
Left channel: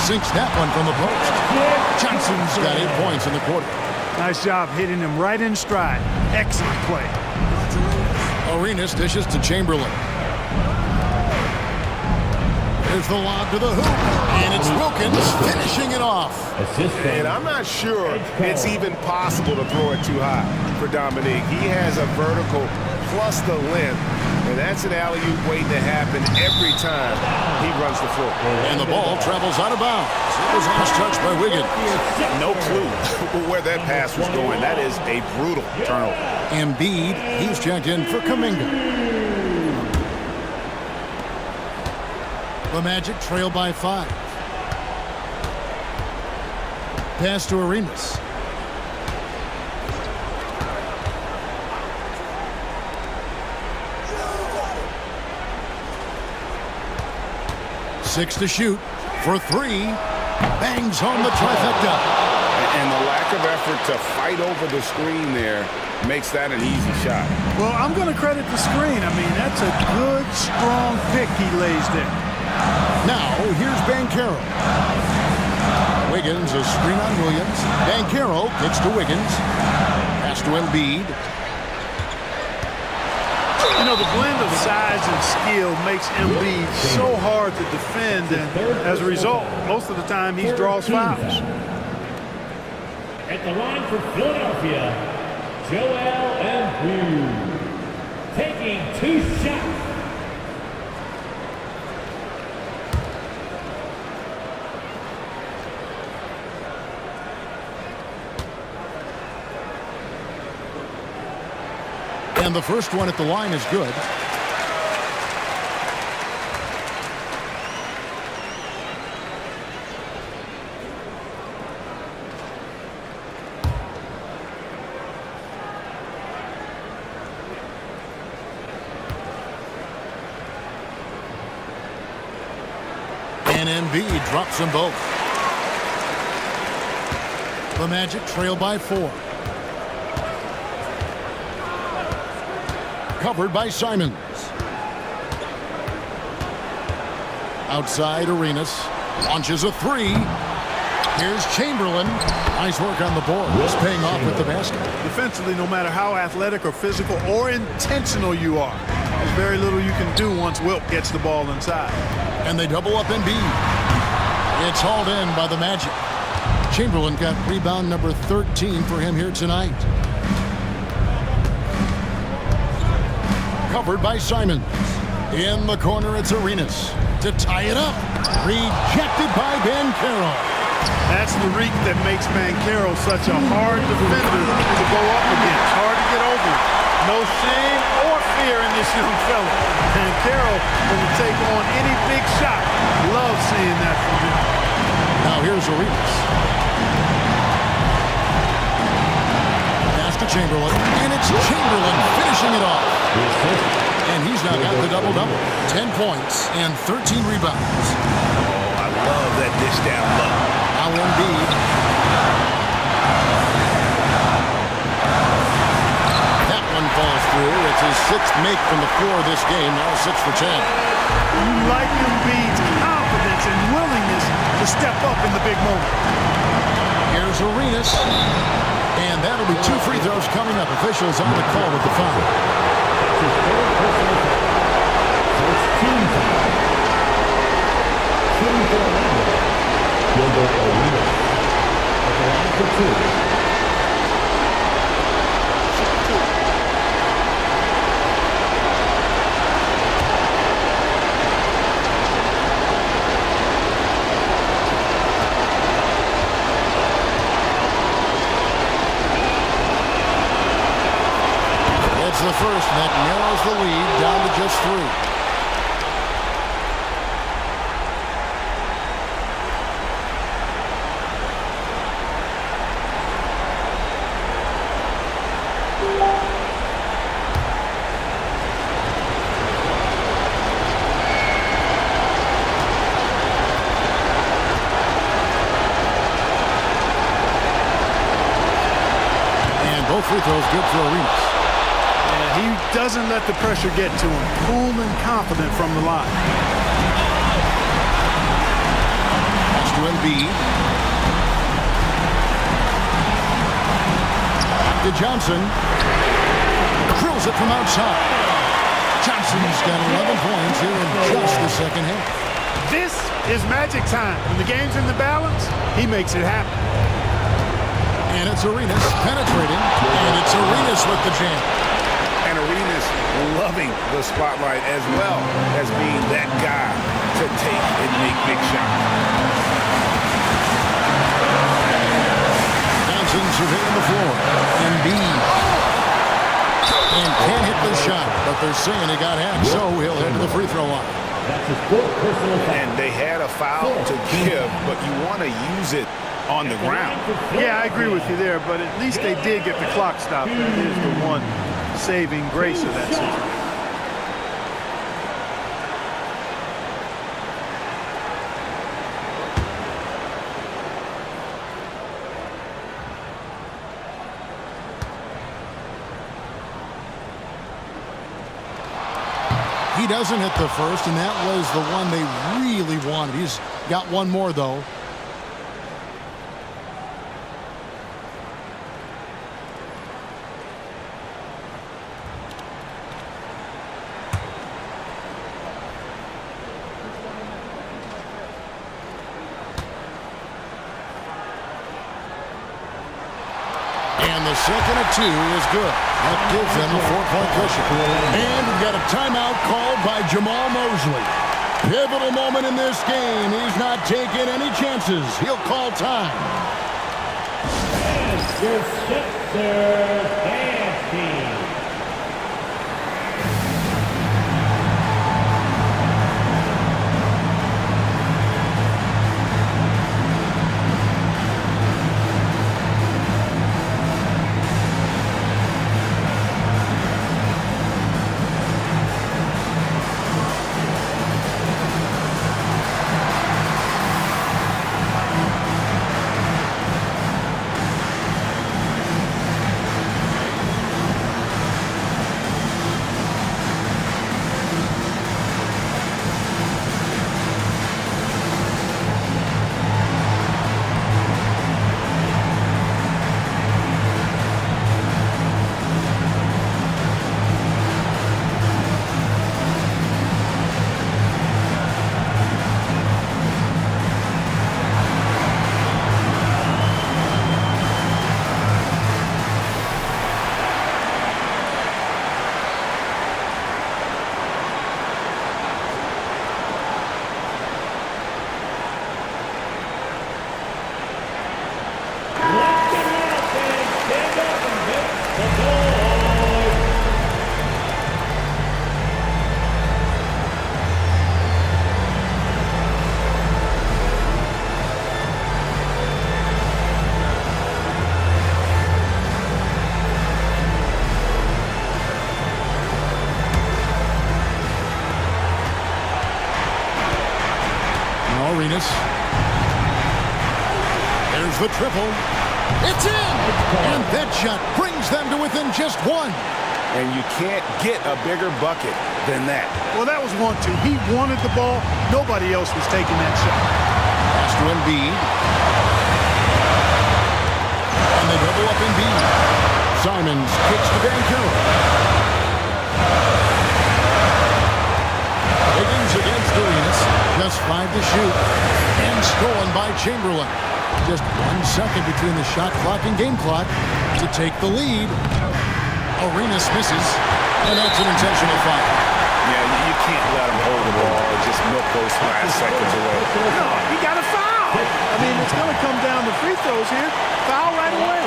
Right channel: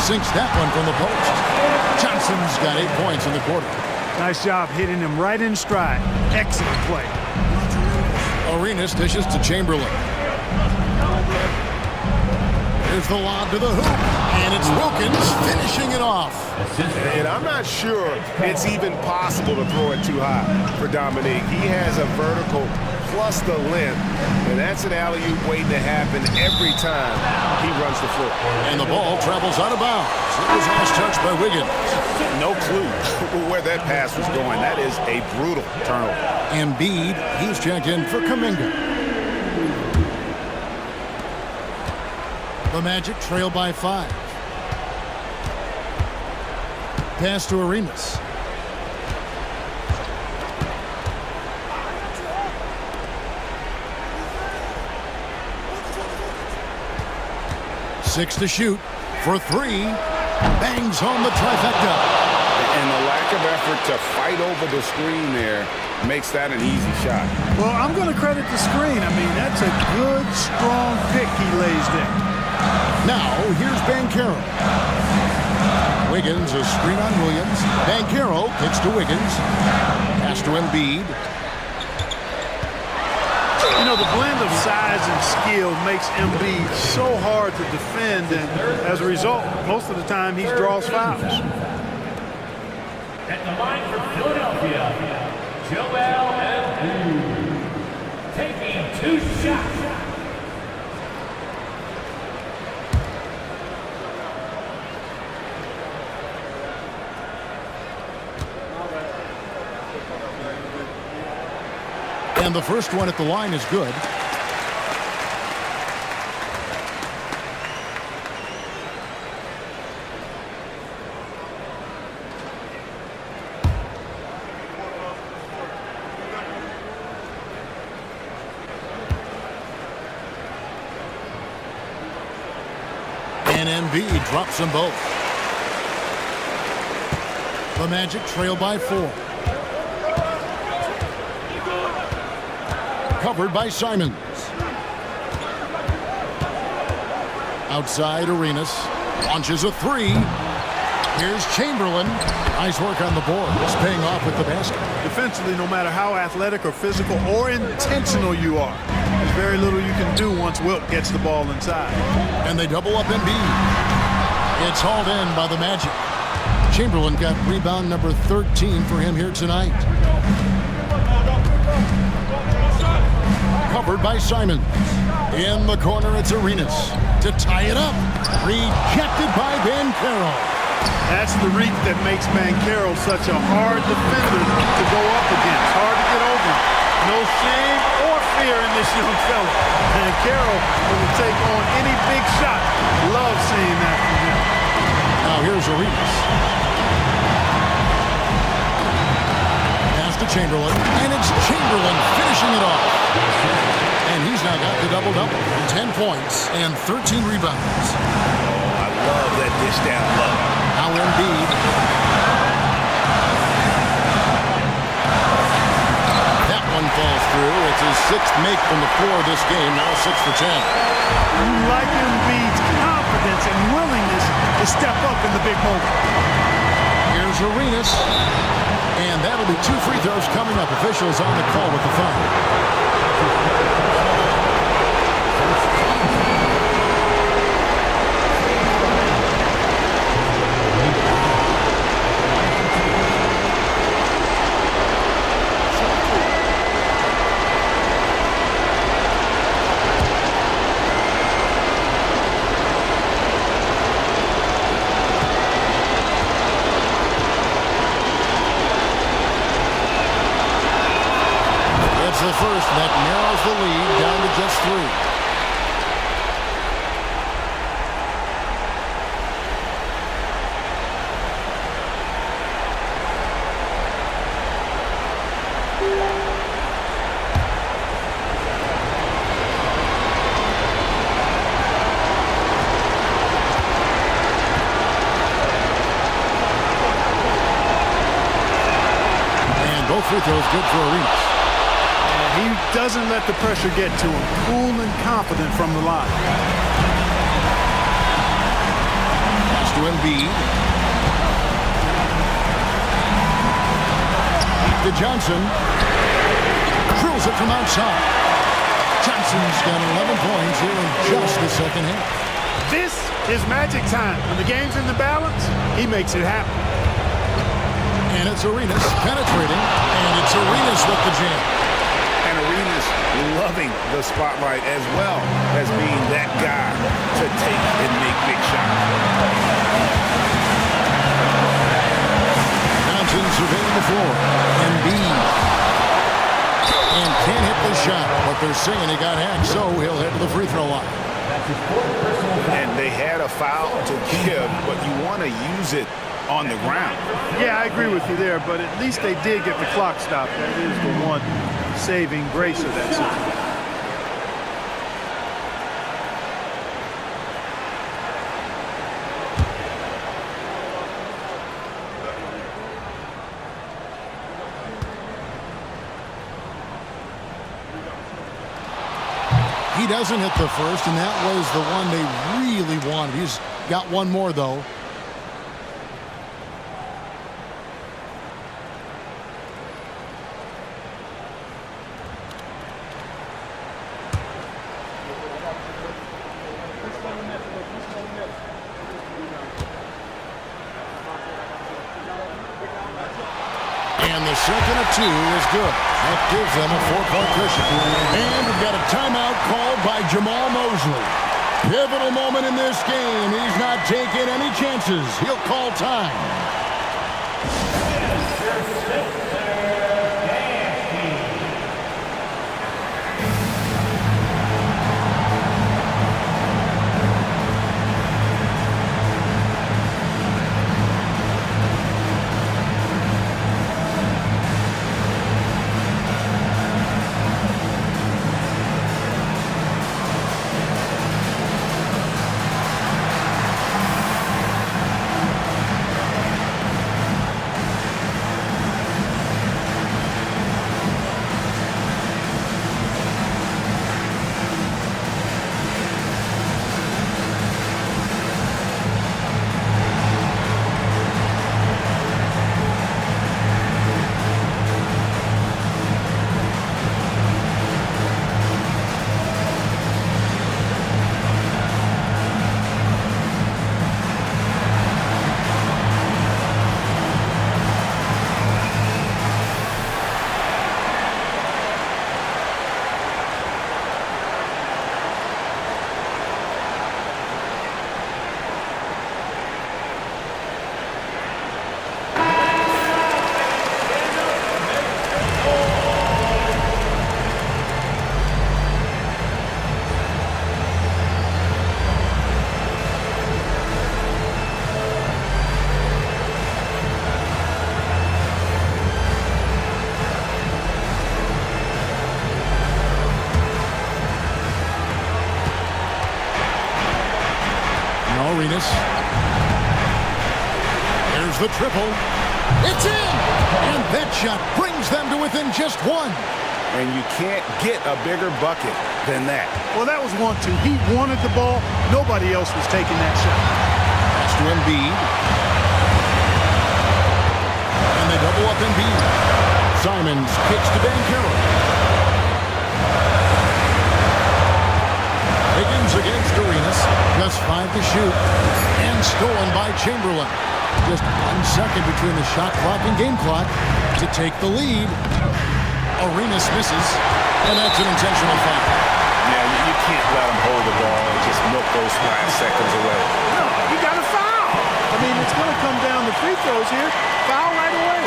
Sinks that one from the post. Johnson's got 8 points in the quarter. Nice job hitting him right in stride. Excellent play. Arenas dishes to Chamberlain. Here's the lob to the hoop. And it's Wilkins finishing it off. And I'm not sure it's even possible to throw it too high for Dominique. He has a vertical plus the length, and that's an alley-oop waiting to happen every time he runs the floor. And the ball travels out of bounds. It was last touched by Wiggins. No clue where that pass was going. That is a brutal turnover. Embiid, he's checked in for Kuminga. The Magic trail by 5. Pass to Arenas. Six to shoot for 3. Bangs home the trifecta. And the lack of effort to fight over the screen there makes that an easy shot. Well, I'm going to credit the screen. I mean, that's a good, strong pick he lays there. Now, here's Banchero. Wiggins, a screen on Williams. Banchero kicks to Wiggins. Pass to Embiid. You know, the blend of size and skill makes Embiid so hard to defend, and as a result, most of the time he draws fouls. At the line for Philadelphia, Joel Embiid. Taking 2 shots. And the first one at the line is good. And Embiid drops them both. The Magic trail by 4. Covered by Simons. Outside Arenas. Launches a 3. Here's Chamberlain. Nice work on the board. It's paying off with the basket. Defensively, no matter how athletic or physical or intentional you are, there's very little you can do once Wilt gets the ball inside. And they double up Embiid. It's hauled in by the Magic. Chamberlain got rebound number 13 for him here tonight. Covered by Simons. In the corner, it's Arenas to tie it up. Rejected by Banchero. That's the reach that makes Banchero such a hard defender to go up against. Hard to get over him. No shame or fear in this young fella. Banchero will take on any big shot. Love seeing that from him. Now here's Arenas. Pass to Chamberlain, and it's Chamberlain finishing it off. And he's now got the double-double. 10 points and 13 rebounds. Oh, I love that dish down low. Now Embiid. That one falls through. It's his 6th make from the floor this game. Now 6 for 10. You like Embiid's confidence and willingness to step up in the big moment. Here's Arenas. And that'll be 2 free throws coming up. Officials on the call with the foul. It's the first that narrows the lead down to just 3. Both free throws good for Arenas. And he doesn't let the pressure get to him. Cool and confident from the line. Pass to Embiid. Back to Johnson. Drills it from outside. Johnson's got 11 points here in just the second half. This is magic time. When the game's in the balance, he makes it happen. And it's Arenas penetrating, and it's Arenas with the jam. And Arenas loving the spotlight as well as being that guy to take and make big shots. Johnson surveying the floor. Embiid. And can't hit the shot, but they're saying he got hacked, so he'll head to the free throw line. And they had a foul to give, but you want to use it on the ground. Yeah, I agree with you there, but at least they did get the clock stopped. That is the one saving grace of that situation. He doesn't hit the first, and that was the one they really wanted. He's got one more, though. And the second of two is good. That gives them a 4-point cushion. And we've got a timeout called by Jamal Mosley. Pivotal moment in this game. He's not taking any chances. He'll call time. Your Sixers dance team. Arenas. There's the triple. It's in! And that shot brings them to within just one. And you can't get a bigger bucket than that. Well, that was 1-2. He wanted the ball. Nobody else was taking that shot. Pass to Embiid. And they double up Embiid. Simons kicks to Banchero. Higgins against Arenas. Just 5 to shoot. And stolen by Chamberlain. Just 1 second between the shot clock and game clock to take the lead. Arenas misses. And that's an intentional foul. Yeah, you can't let him hold the ball and just milk those last seconds away. No, you got to foul. I mean, it's going to come down to free throws here. Foul right away.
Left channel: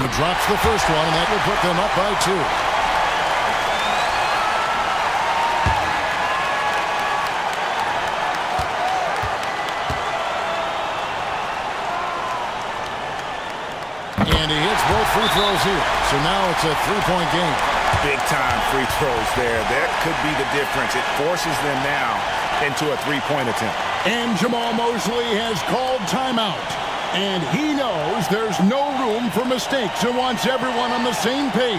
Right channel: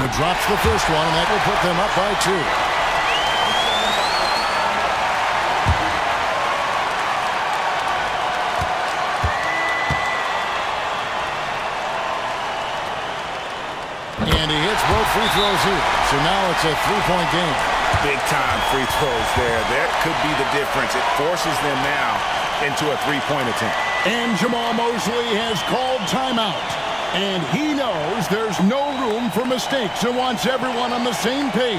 He drops the first one, and that will put them up by 2. And he hits both free throws here. So now it's a three-point game. Big-time free throws there. That could be the difference. It forces them now into a three-point attempt. And Jamal Mosley has called timeout. And he knows there's no room for mistakes and wants everyone on the same page.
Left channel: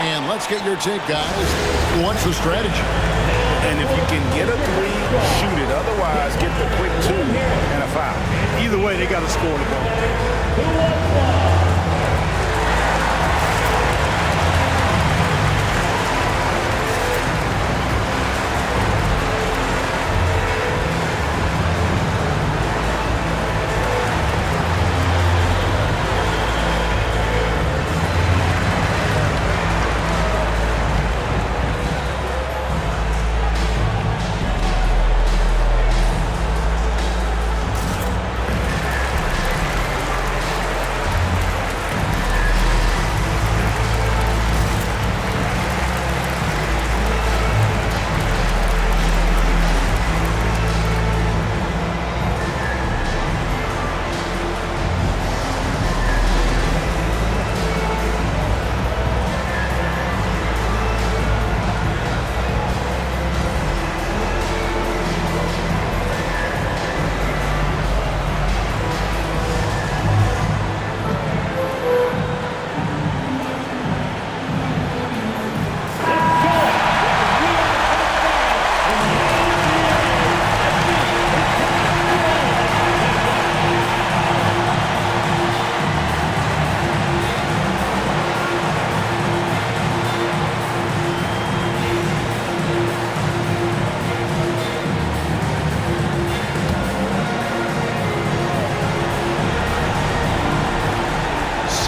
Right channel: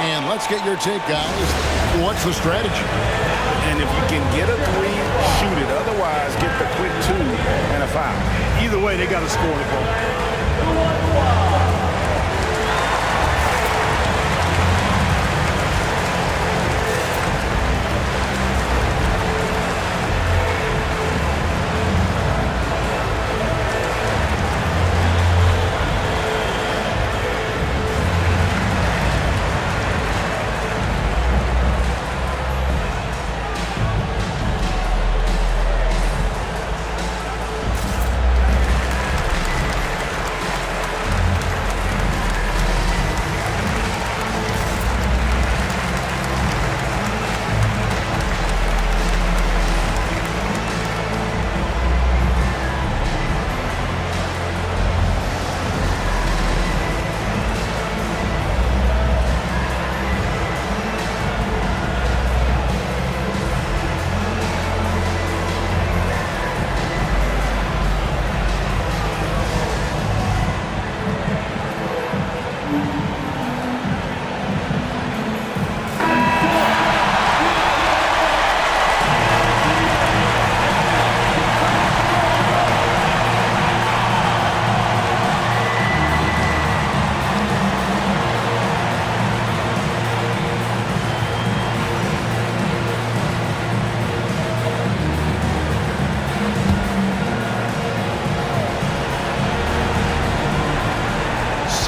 And let's get your take, guys. What's the strategy? And if you can get a three, shoot it. Otherwise, get the quick two and a foul. Either way, they got to score the ball. 2-1-1.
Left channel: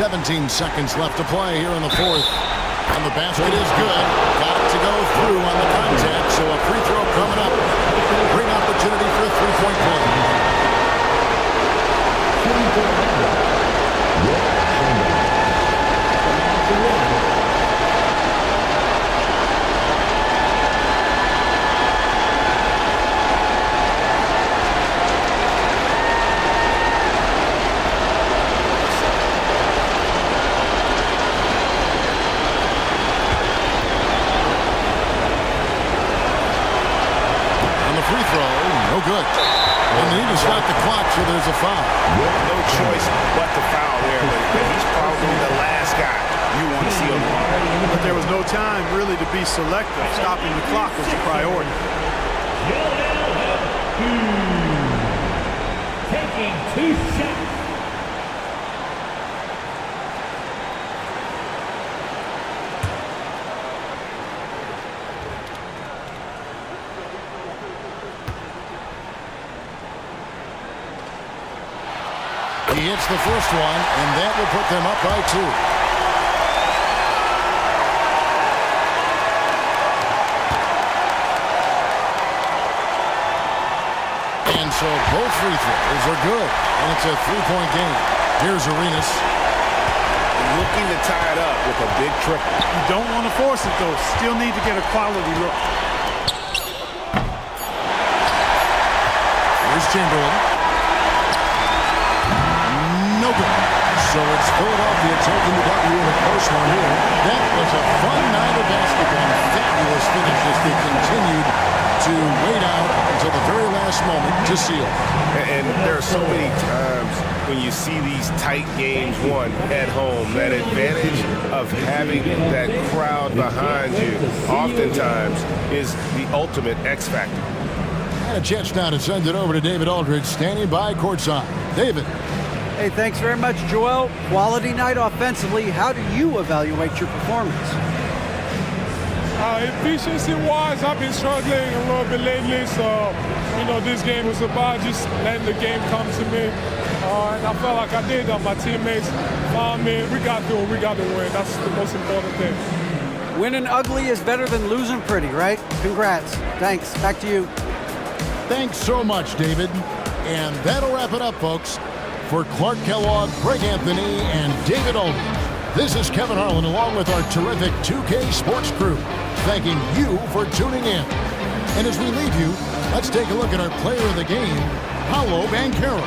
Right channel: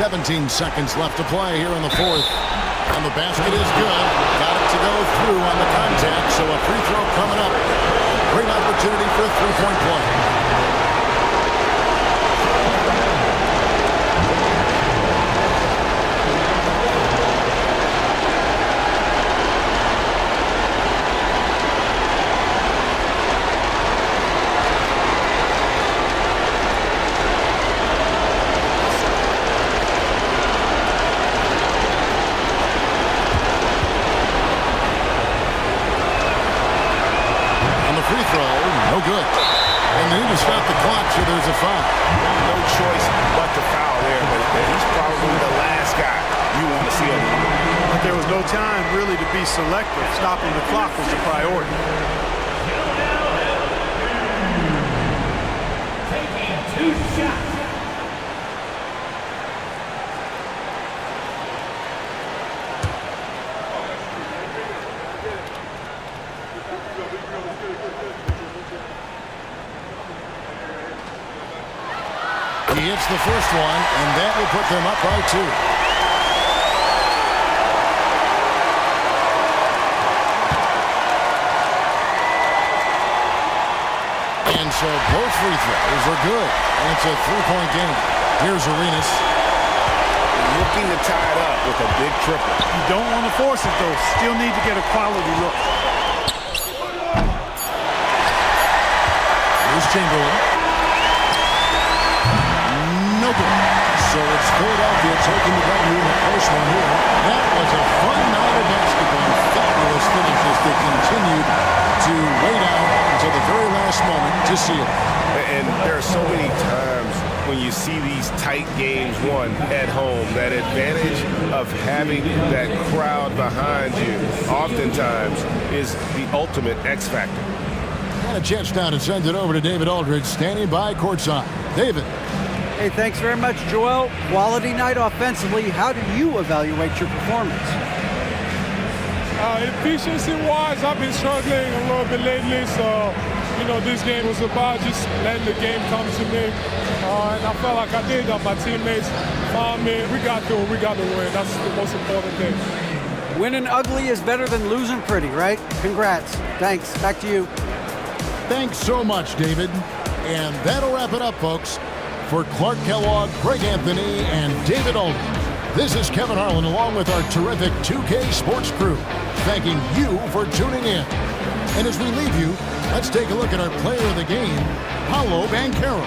17 seconds left to play here in the fourth. And the basket is good. Got it to go through on the contact, so a free throw coming up. Great opportunity for a three-point play. Free throw, no good. And they need to stop the clock, so there's a foul. No choice but to foul there, but he's probably the last guy you want to see on the line. But there was no time really to be selective. Stopping the clock was the priority. Taking 2 shots. He hits the first one, and that will put them up by 2. And so both free throws are good, and it's a three-point game. Here's Arenas. Looking to tie it up with a big triple. You don't want to force it, though. Still need to get a quality look. Here's Chamberlain. No good. So it's Philadelphia taking the W in a close one here. That was a fun night of basketball and fabulous finish as they continued to wait out until the very last moment to seal it. And there are so many times when you see these tight games won at home, that advantage of having that crowd behind you oftentimes is the ultimate X factor. And a chance now to send it over to David Aldridge, standing by courtside. David. Hey, thanks very much, Joel. Quality night offensively. How do you evaluate your performance? Efficiency-wise, I've been struggling a little bit lately, so, this game was about just letting the game come to me. And I felt like I did. My teammates found me. We got to win. That's the most important thing. Winning ugly is better than losing pretty, right? Congrats. Thanks. Back to you. Thanks so much, David. And that'll wrap it up, folks. For Clark Kellogg, Greg Anthony, and David Aldridge, this is Kevin Harlan along with our terrific 2K Sports crew, thanking you for tuning in. And as we leave you, let's take a look at our player of the game, Paolo Banchero.